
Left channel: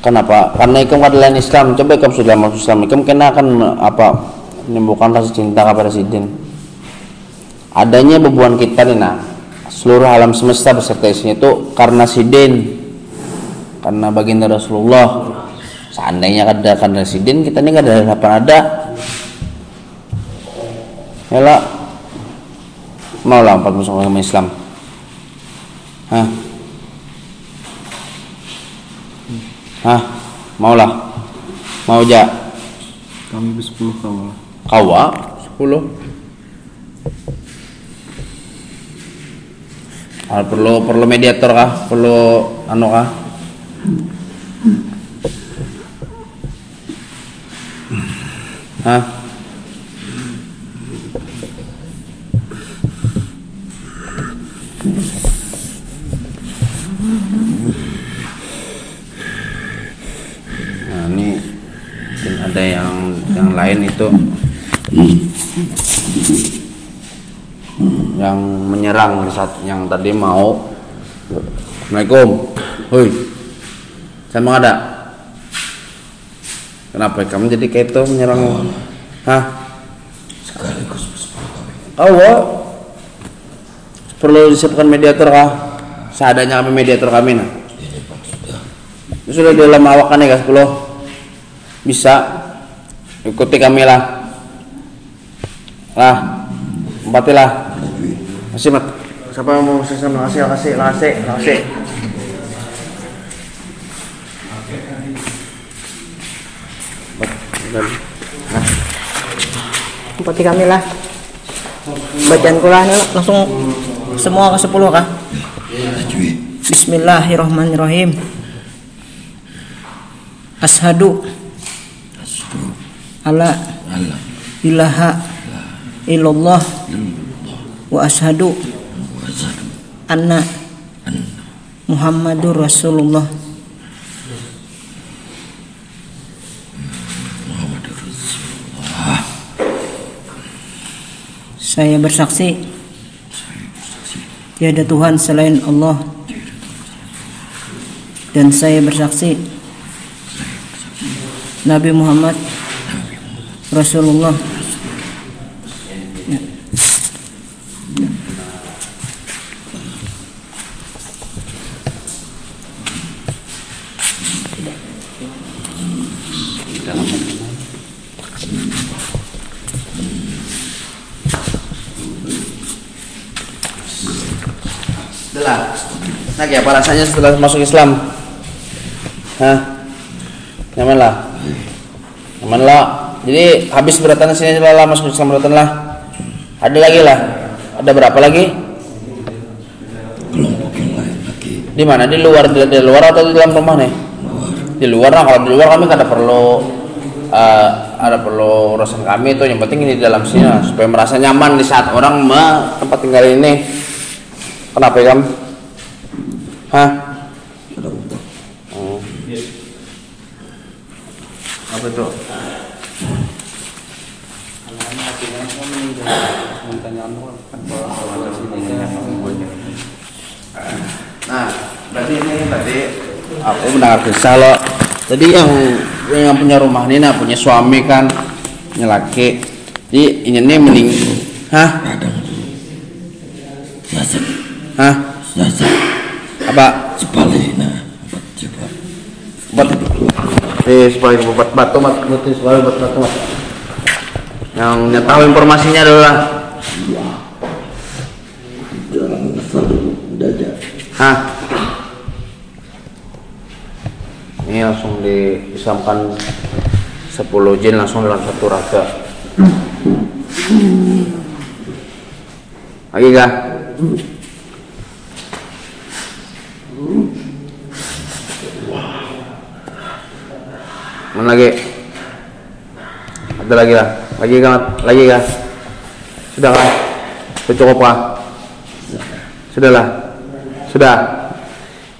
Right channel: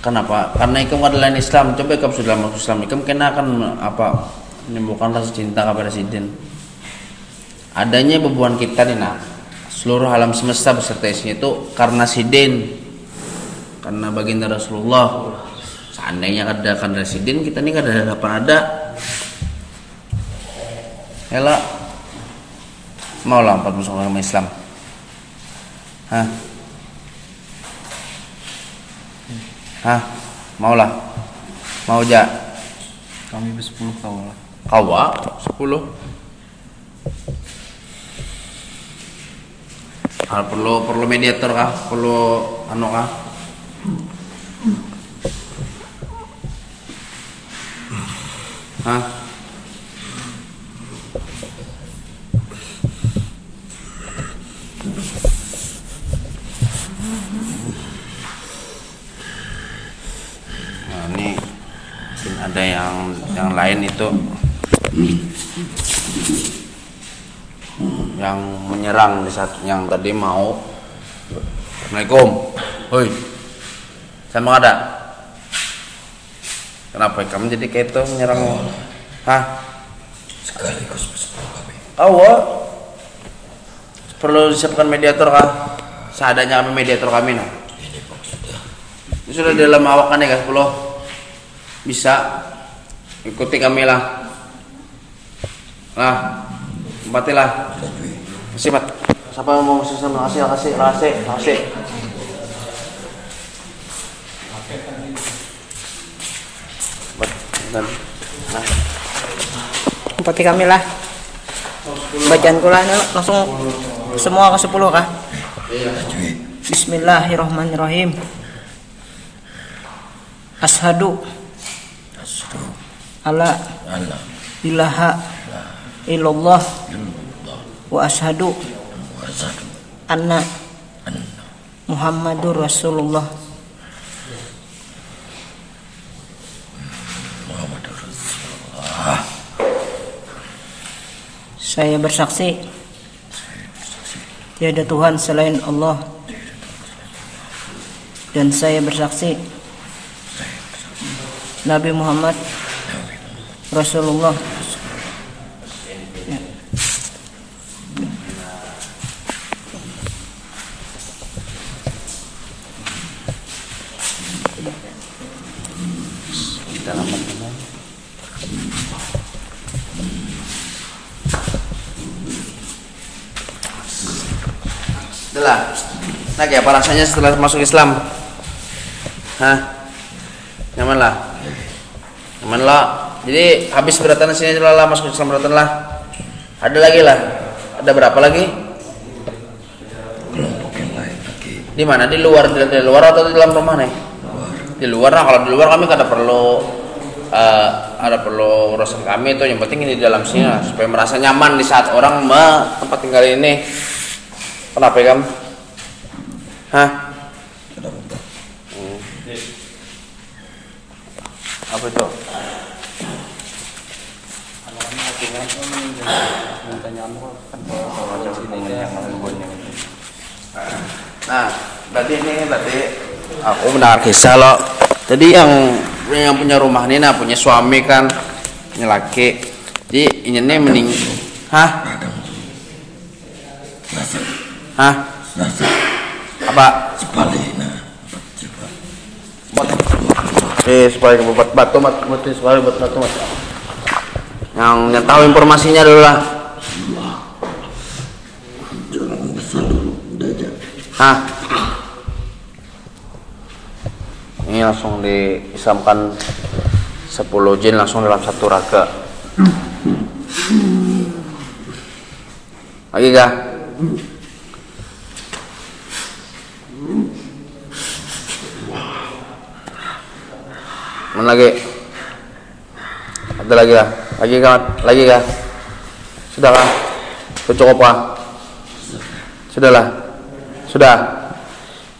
kenapa? Karena ikam adalah Islam. Coba ikam sudah masuk Islam, ikam kena akan apa? Menyembuhkan rasa cinta kepada Sidin. Adanya bebuan kita nih nah, seluruh alam semesta beserta isinya itu karena Sidin, karena baginda Rasulullah. Seandainya ada karena Sidin, kita ini nggak ada apa ada. Yalah, mau lah empat masuk agama Islam. Mau lah, mau aja. Kami ber-10 kawan lah. Kawa 10. Perlu mediator kah? Perlu anu kah? Nah, ini ada yang lain itu yang menyerang di saat yang tadi mau. Assalamualaikum. Hoi. Sama ada. Kenapa kamu jadi kayak itu menyerang? Perlu disiapkan mediator kah? Seadanya kami mediator kami nah. Sudah dalam awakan ya guys, bisa ikuti kami lah. Empatilah. Kasih mat. Siapa yang mau masuk sama kasih. Empati kami lah. Bacaan Quran langsung semua ke 10 kah? Bismillahirrahmanirrahim. Ashadu alla ilaha illallah wa ashadu anna Muhammadur Rasulullah. Saya bersaksi tiada Tuhan selain Allah, dan saya bersaksi Nabi Muhammad Rasulullah. Ya. Udah. Nah, kayak apa rasanya setelah masuk Islam? Hah? Nyaman lah. Nyaman lah. Jadi habis beratan sini lah masuk Islam beratan lah. Ada lagi lah. Ada berapa lagi? Kelompok yang lain lagi. Di mana? Di luar atau di dalam rumah nih? Di luar. Nah, kalau di luar kami kan ada perlu urusan kami itu. Yang penting ini di dalam sini lah, supaya merasa nyaman di saat orang tempat tinggal ini. Kenapa ya, Kam? Hah? Apa itu? Nah, berarti ini kan tadi aku mendengar kisah loh. Jadi yang punya rumah ini, nah punya suami kan, ini laki. Jadi ini mending, hah? Hah? Apa? Cipalina. Supaya buat batu mat, supaya buat batu mat. Yang tahu informasinya dulu lah. Hah? Ini langsung diislamkan 10 jin langsung dalam satu raga. Lagi kah? Mana lagi? Ada lagi lah. Lagi kah? Sudah kah? Cukup kah? Sudahlah. Sudah.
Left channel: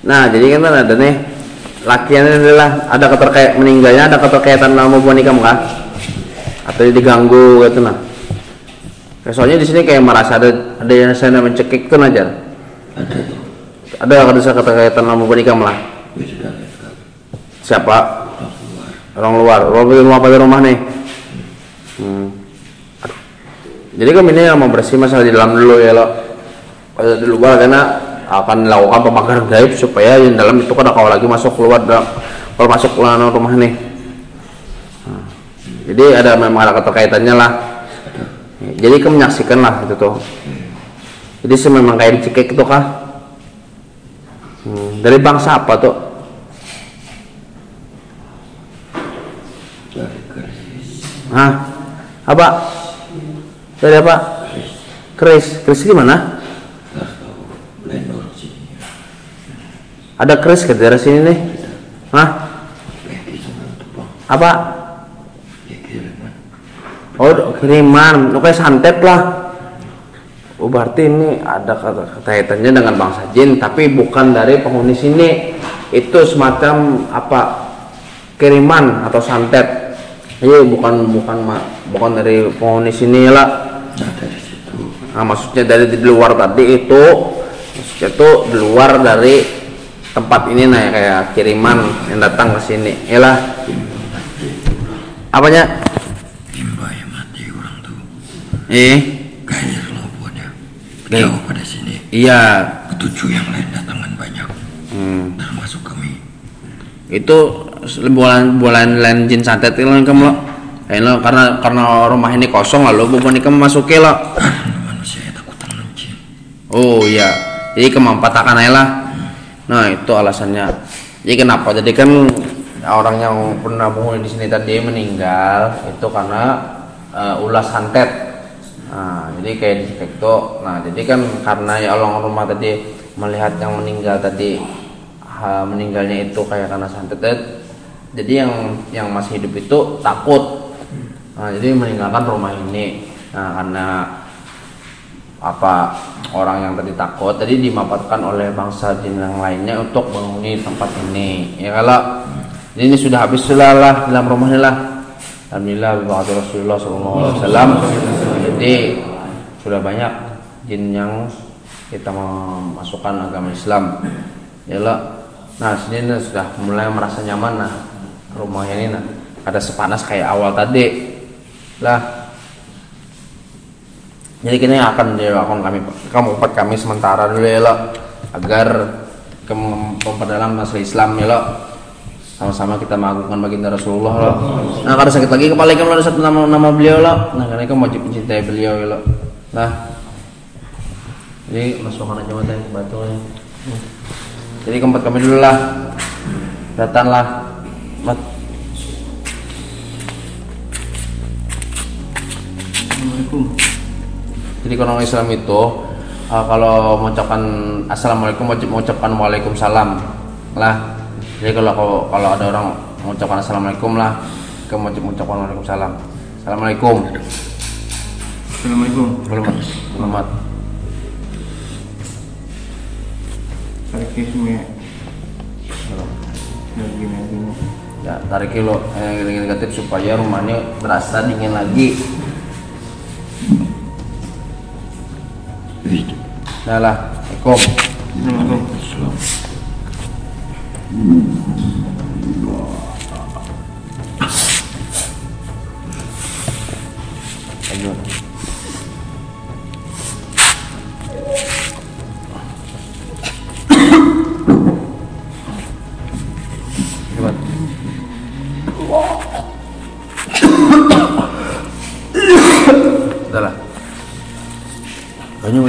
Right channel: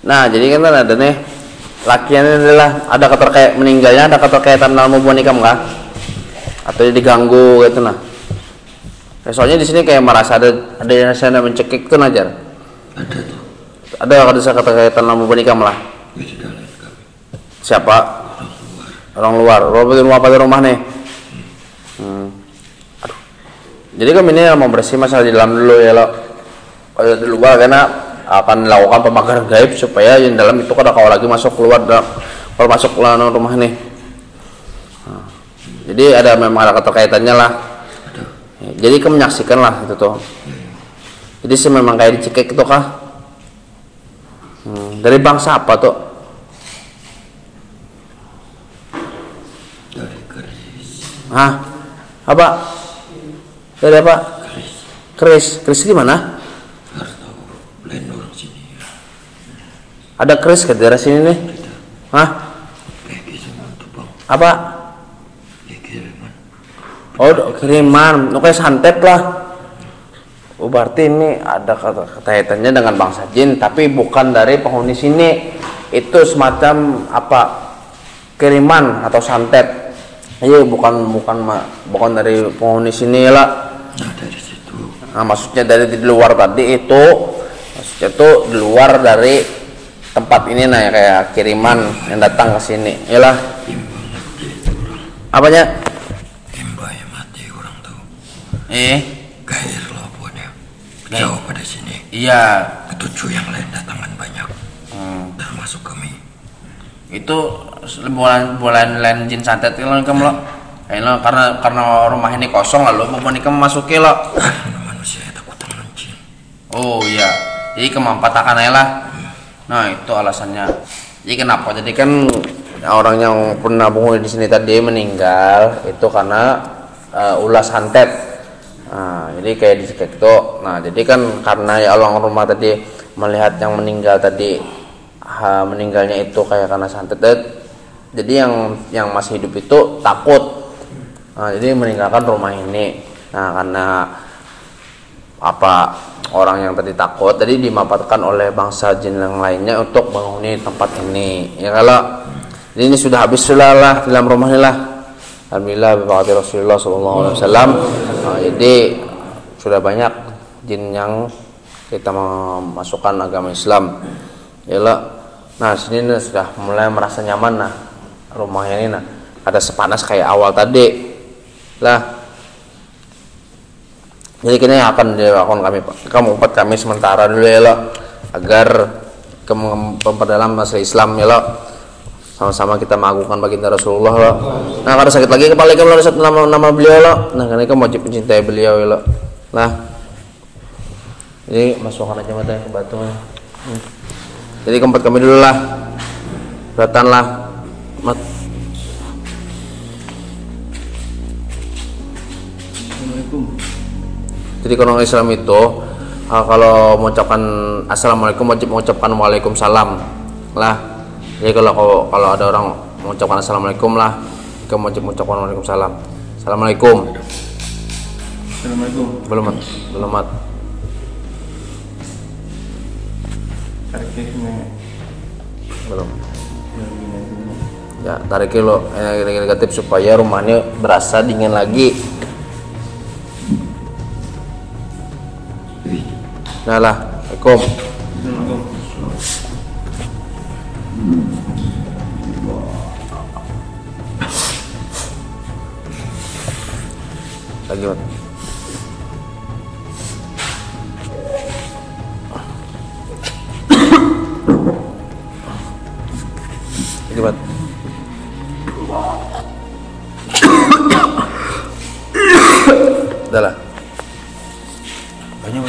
Nah, jadi kan ada nih lakiannya adalah ada meninggalnya ada keterkaitan dalam hubungan nikah kah? Atau diganggu gitu nah. Soalnya di sini kayak merasa ada yang saya mencekik tuh Najar. Ada keterkaitan dalam hubungan nikah lah. Siapa? Orang luar. Rumah pada rumah nih. Aduh. Jadi kami ini mau bersih masalah di dalam dulu ya lo. Kalau di luar karena akan lakukan pemakaran gaib supaya yang dalam itu kada kau lagi masuk keluar kalau masuk rumah nih. Jadi memang ada keterkaitannya lah. Jadi kamu menyaksikan lah itu tuh. Jadi memang kayak dicekik itu kah? Dari bangsa apa tuh? Dari keris. Hah? Apa? Dari apa? Keris. Keris di mana? Ada keris ke daerah sini nih? Hah? Apa? Oh, kiriman. Kayak santet lah. Oh, berarti ini ada kaitannya dengan bangsa jin, tapi bukan dari penghuni sini. Itu semacam apa? Kiriman atau santet. Ayo, bukan dari penghuni sini lah. Nah, maksudnya dari di luar tadi itu, maksudnya itu di luar dari tempat ini nah ya, kayak kiriman yang datang ke sini. Yalah. Apanya? Limbah yang mati orang tuh. Gair loh buatnya. Jauh pada sini. Iya. Ketujuh yang lain datangan banyak. Termasuk kami. Itu bulan jin santet itu kamu lo. Karena rumah ini kosong lalu bukan kamu masukin lo. Manusia takut dengan jin. Oh iya. Jadi kemampatakan aja lah. Nah itu alasannya. Jadi kenapa? Jadi kan orang yang pernah penghuni di sini tadi meninggal itu karena ulah santet. Nah, jadi kayak dicekik tuh. Nah jadi kan karena ya orang rumah tadi melihat yang meninggal tadi meninggalnya itu kayak karena santet. Jadi yang masih hidup itu takut. Nah, jadi meninggalkan rumah ini. Nah karena orang yang tadi takut tadi dimanfaatkan oleh bangsa jin yang lainnya untuk menghuni tempat ini ya kalau ini sudah habis lah dalam rumah ini lah. Alhamdulillah bi Rasulullah SAW. Jadi sudah banyak jin yang kita memasukkan agama Islam ya lah. Nah sini sudah mulai merasa nyaman nah rumah ini nah ada sepanas kayak awal tadi lah. Jadi kini akan dilakukan kami sementara dulu ya lo, agar memperdalam masalah Islam ya lo. Sama-sama kita mengagungkan baginda Rasulullah lo. Nah kalau sakit lagi kepala kamu ada satu nama beliau lo. Nah karena kamu wajib mencintai beliau ya lo. Nah Jadi masukkan aja mata yang ke batu. Jadi keempat kami dulu lah. Datang lah. Mat. Assalamualaikum. Jadi orang Islam itu kalau mengucapkan assalamualaikum wajib mengucapkan waalaikumsalam lah. Jadi kalau ada orang mengucapkan assalamualaikum lah, kamu wajib mengucapkan waalaikumsalam. Assalamualaikum. Assalamualaikum. Belum mat. Tarik sini. Belum. Ya begini dulu. Ya tarik lo negatif supaya rumahnya berasa dingin lagi. Nah lah, Assalamualaikum. Assalamualaikum. Lanjut. Cepat. Udah lah. Banyak.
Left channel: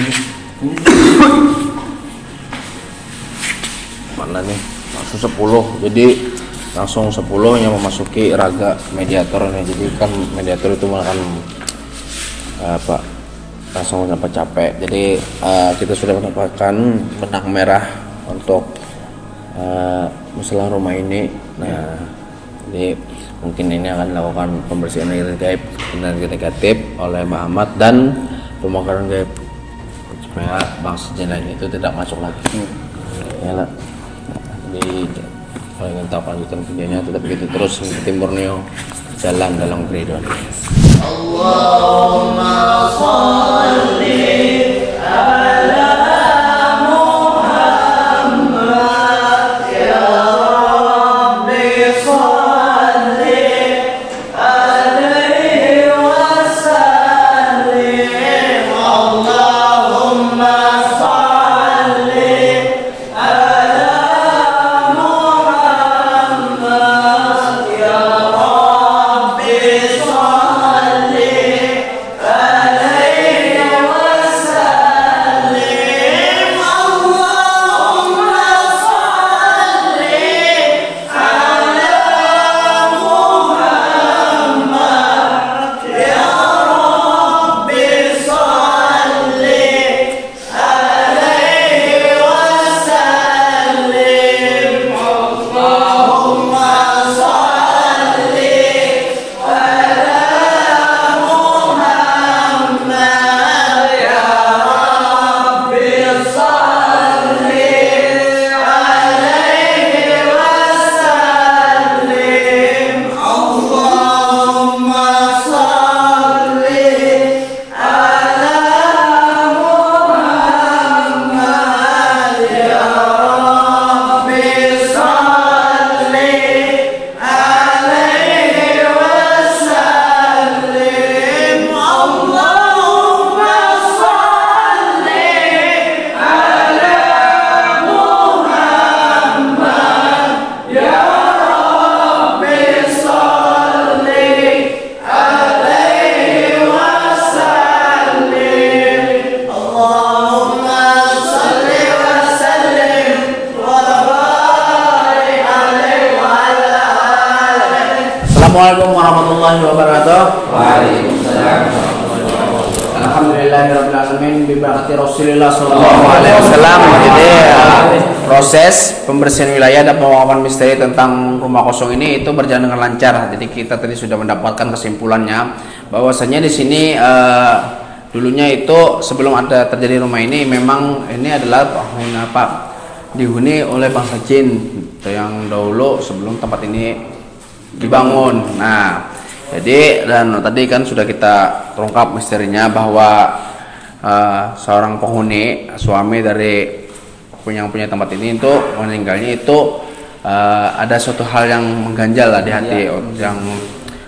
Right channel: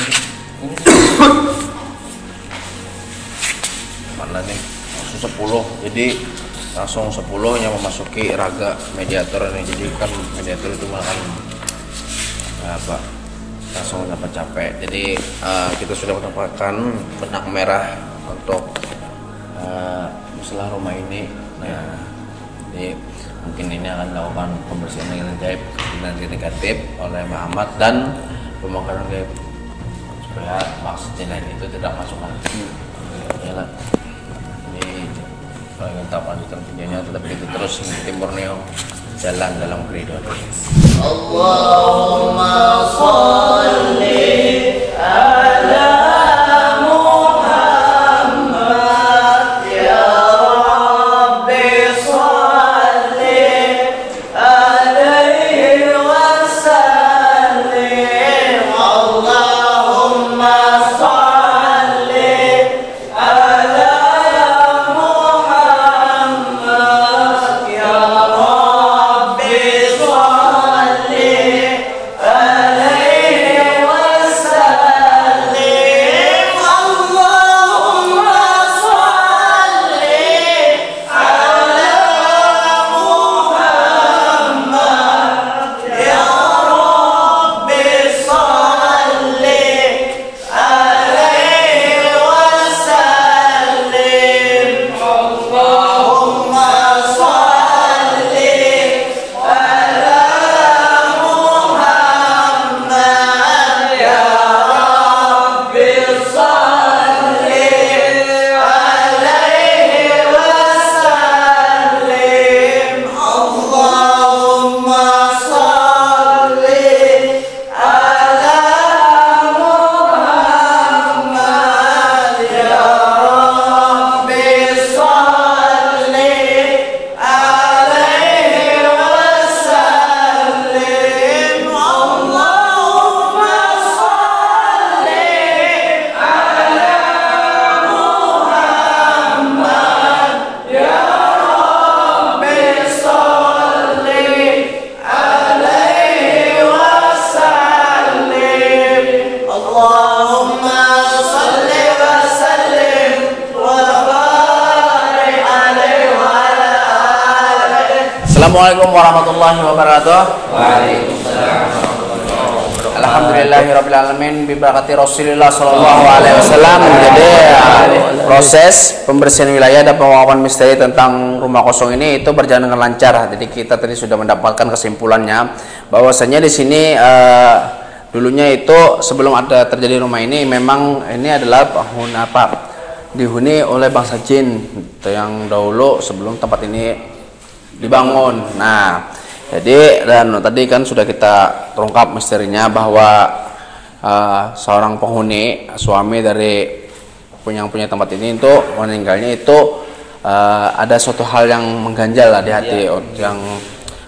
Mana nih? Langsung 10. Jadi langsung 10 yang memasuki raga mediator ini. Jadi kan mediator itu makan apa? Langsung dapat capek. Jadi kita sudah mendapatkan benang merah untuk masalah rumah ini. Nah, jadi mungkin ini akan dilakukan pembersihan gaib dan negatif oleh Muhammad dan pembongkaran gaib supaya bangsa jenayah itu tidak masuk lagi. Ya lah. Jadi kalau ingin tahu kelanjutan videonya tetap begitu terus di Timur Neo jalan dalam kehidupan. Allahumma sholli ala Assalamualaikum warahmatullahi wabarakatuh. Waalaikumsalam. Alhamdulillahirabbil alamin bi barakati Rasulillah sallallahu alaihi wasallam. Jadi proses pembersihan wilayah dan penguapan misteri tentang rumah kosong ini itu berjalan dengan lancar. Jadi kita tadi sudah mendapatkan kesimpulannya bahwasanya di sini dulunya itu sebelum ada terjadi rumah ini memang ini adalah dihuni oleh bangsa jin yang dahulu sebelum tempat ini dibangun. Nah, jadi dan tadi kan sudah kita terungkap misterinya bahwa seorang penghuni suami dari yang punya tempat ini itu meninggalnya itu ada suatu hal yang mengganjal lah di hati yang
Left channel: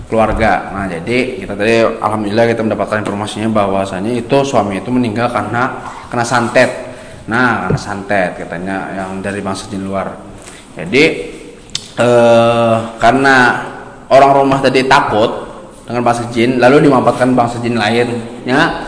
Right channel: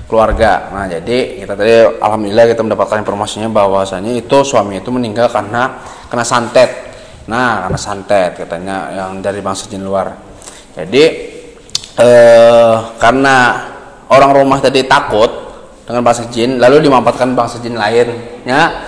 keluarga. Nah, jadi kita tadi alhamdulillah kita mendapatkan informasinya bahwasanya itu suami itu meninggal karena kena santet. Nah, kena santet katanya yang dari bangsa jin luar. Jadi karena orang rumah tadi takut dengan bangsa jin, lalu dimanfaatkan bangsa jin lainnya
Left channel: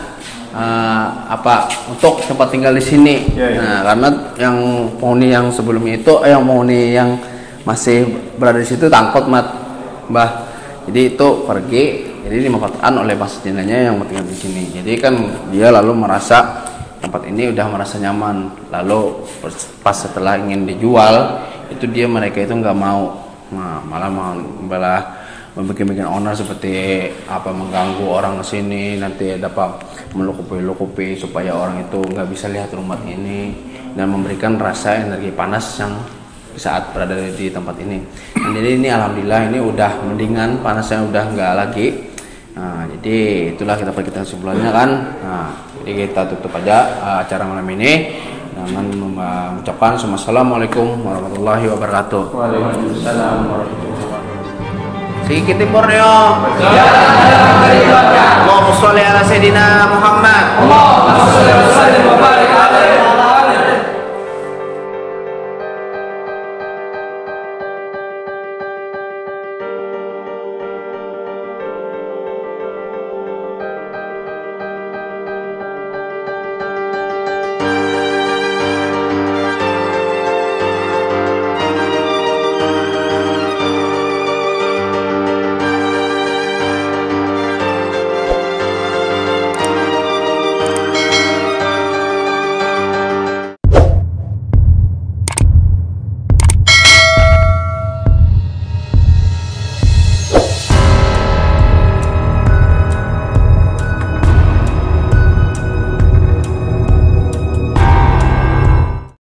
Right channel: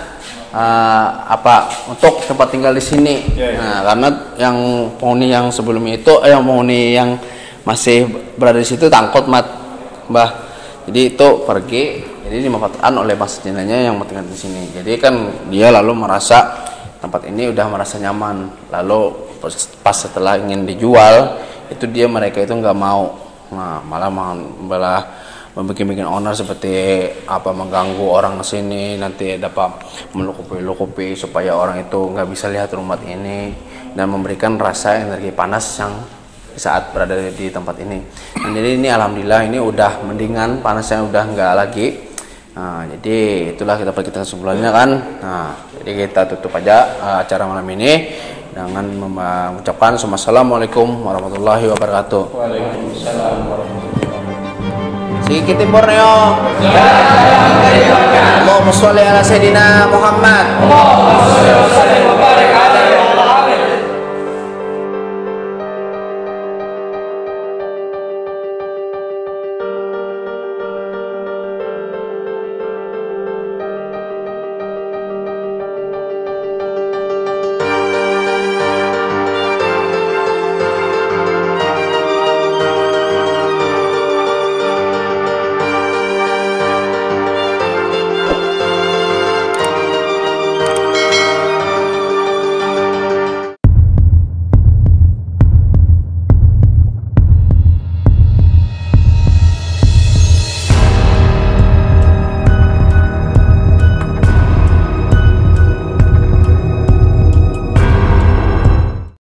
untuk tempat tinggal di sini. Nah, karena yang penghuni yang sebelumnya itu, yang penghuni yang masih berada di situ takut Mbah. Jadi itu pergi, jadi dimanfaatkan oleh Palestinanya yang tinggal di sini. Jadi kan dia lalu merasa tempat ini udah merasa nyaman. Lalu pas setelah ingin dijual, itu mereka itu nggak mau. Nah, malah membuat owner seperti mengganggu orang sini, nanti dapat melukupi supaya orang itu nggak bisa lihat rumah ini dan memberikan rasa energi panas yang saat berada di tempat ini. Dan jadi ini alhamdulillah ini udah mendingan, panasnya udah nggak lagi. Nah, jadi itulah kita kesimpulannya kan. Nah, jadi kita tutup aja acara malam ini dengan mengucapkan Assalamualaikum warahmatullahi wabarakatuh. Waalaikumsalam warahmatullahi wabarakatuh. Sedikit Borneo. Allahumma sholli ala Sayyidina Muhammad.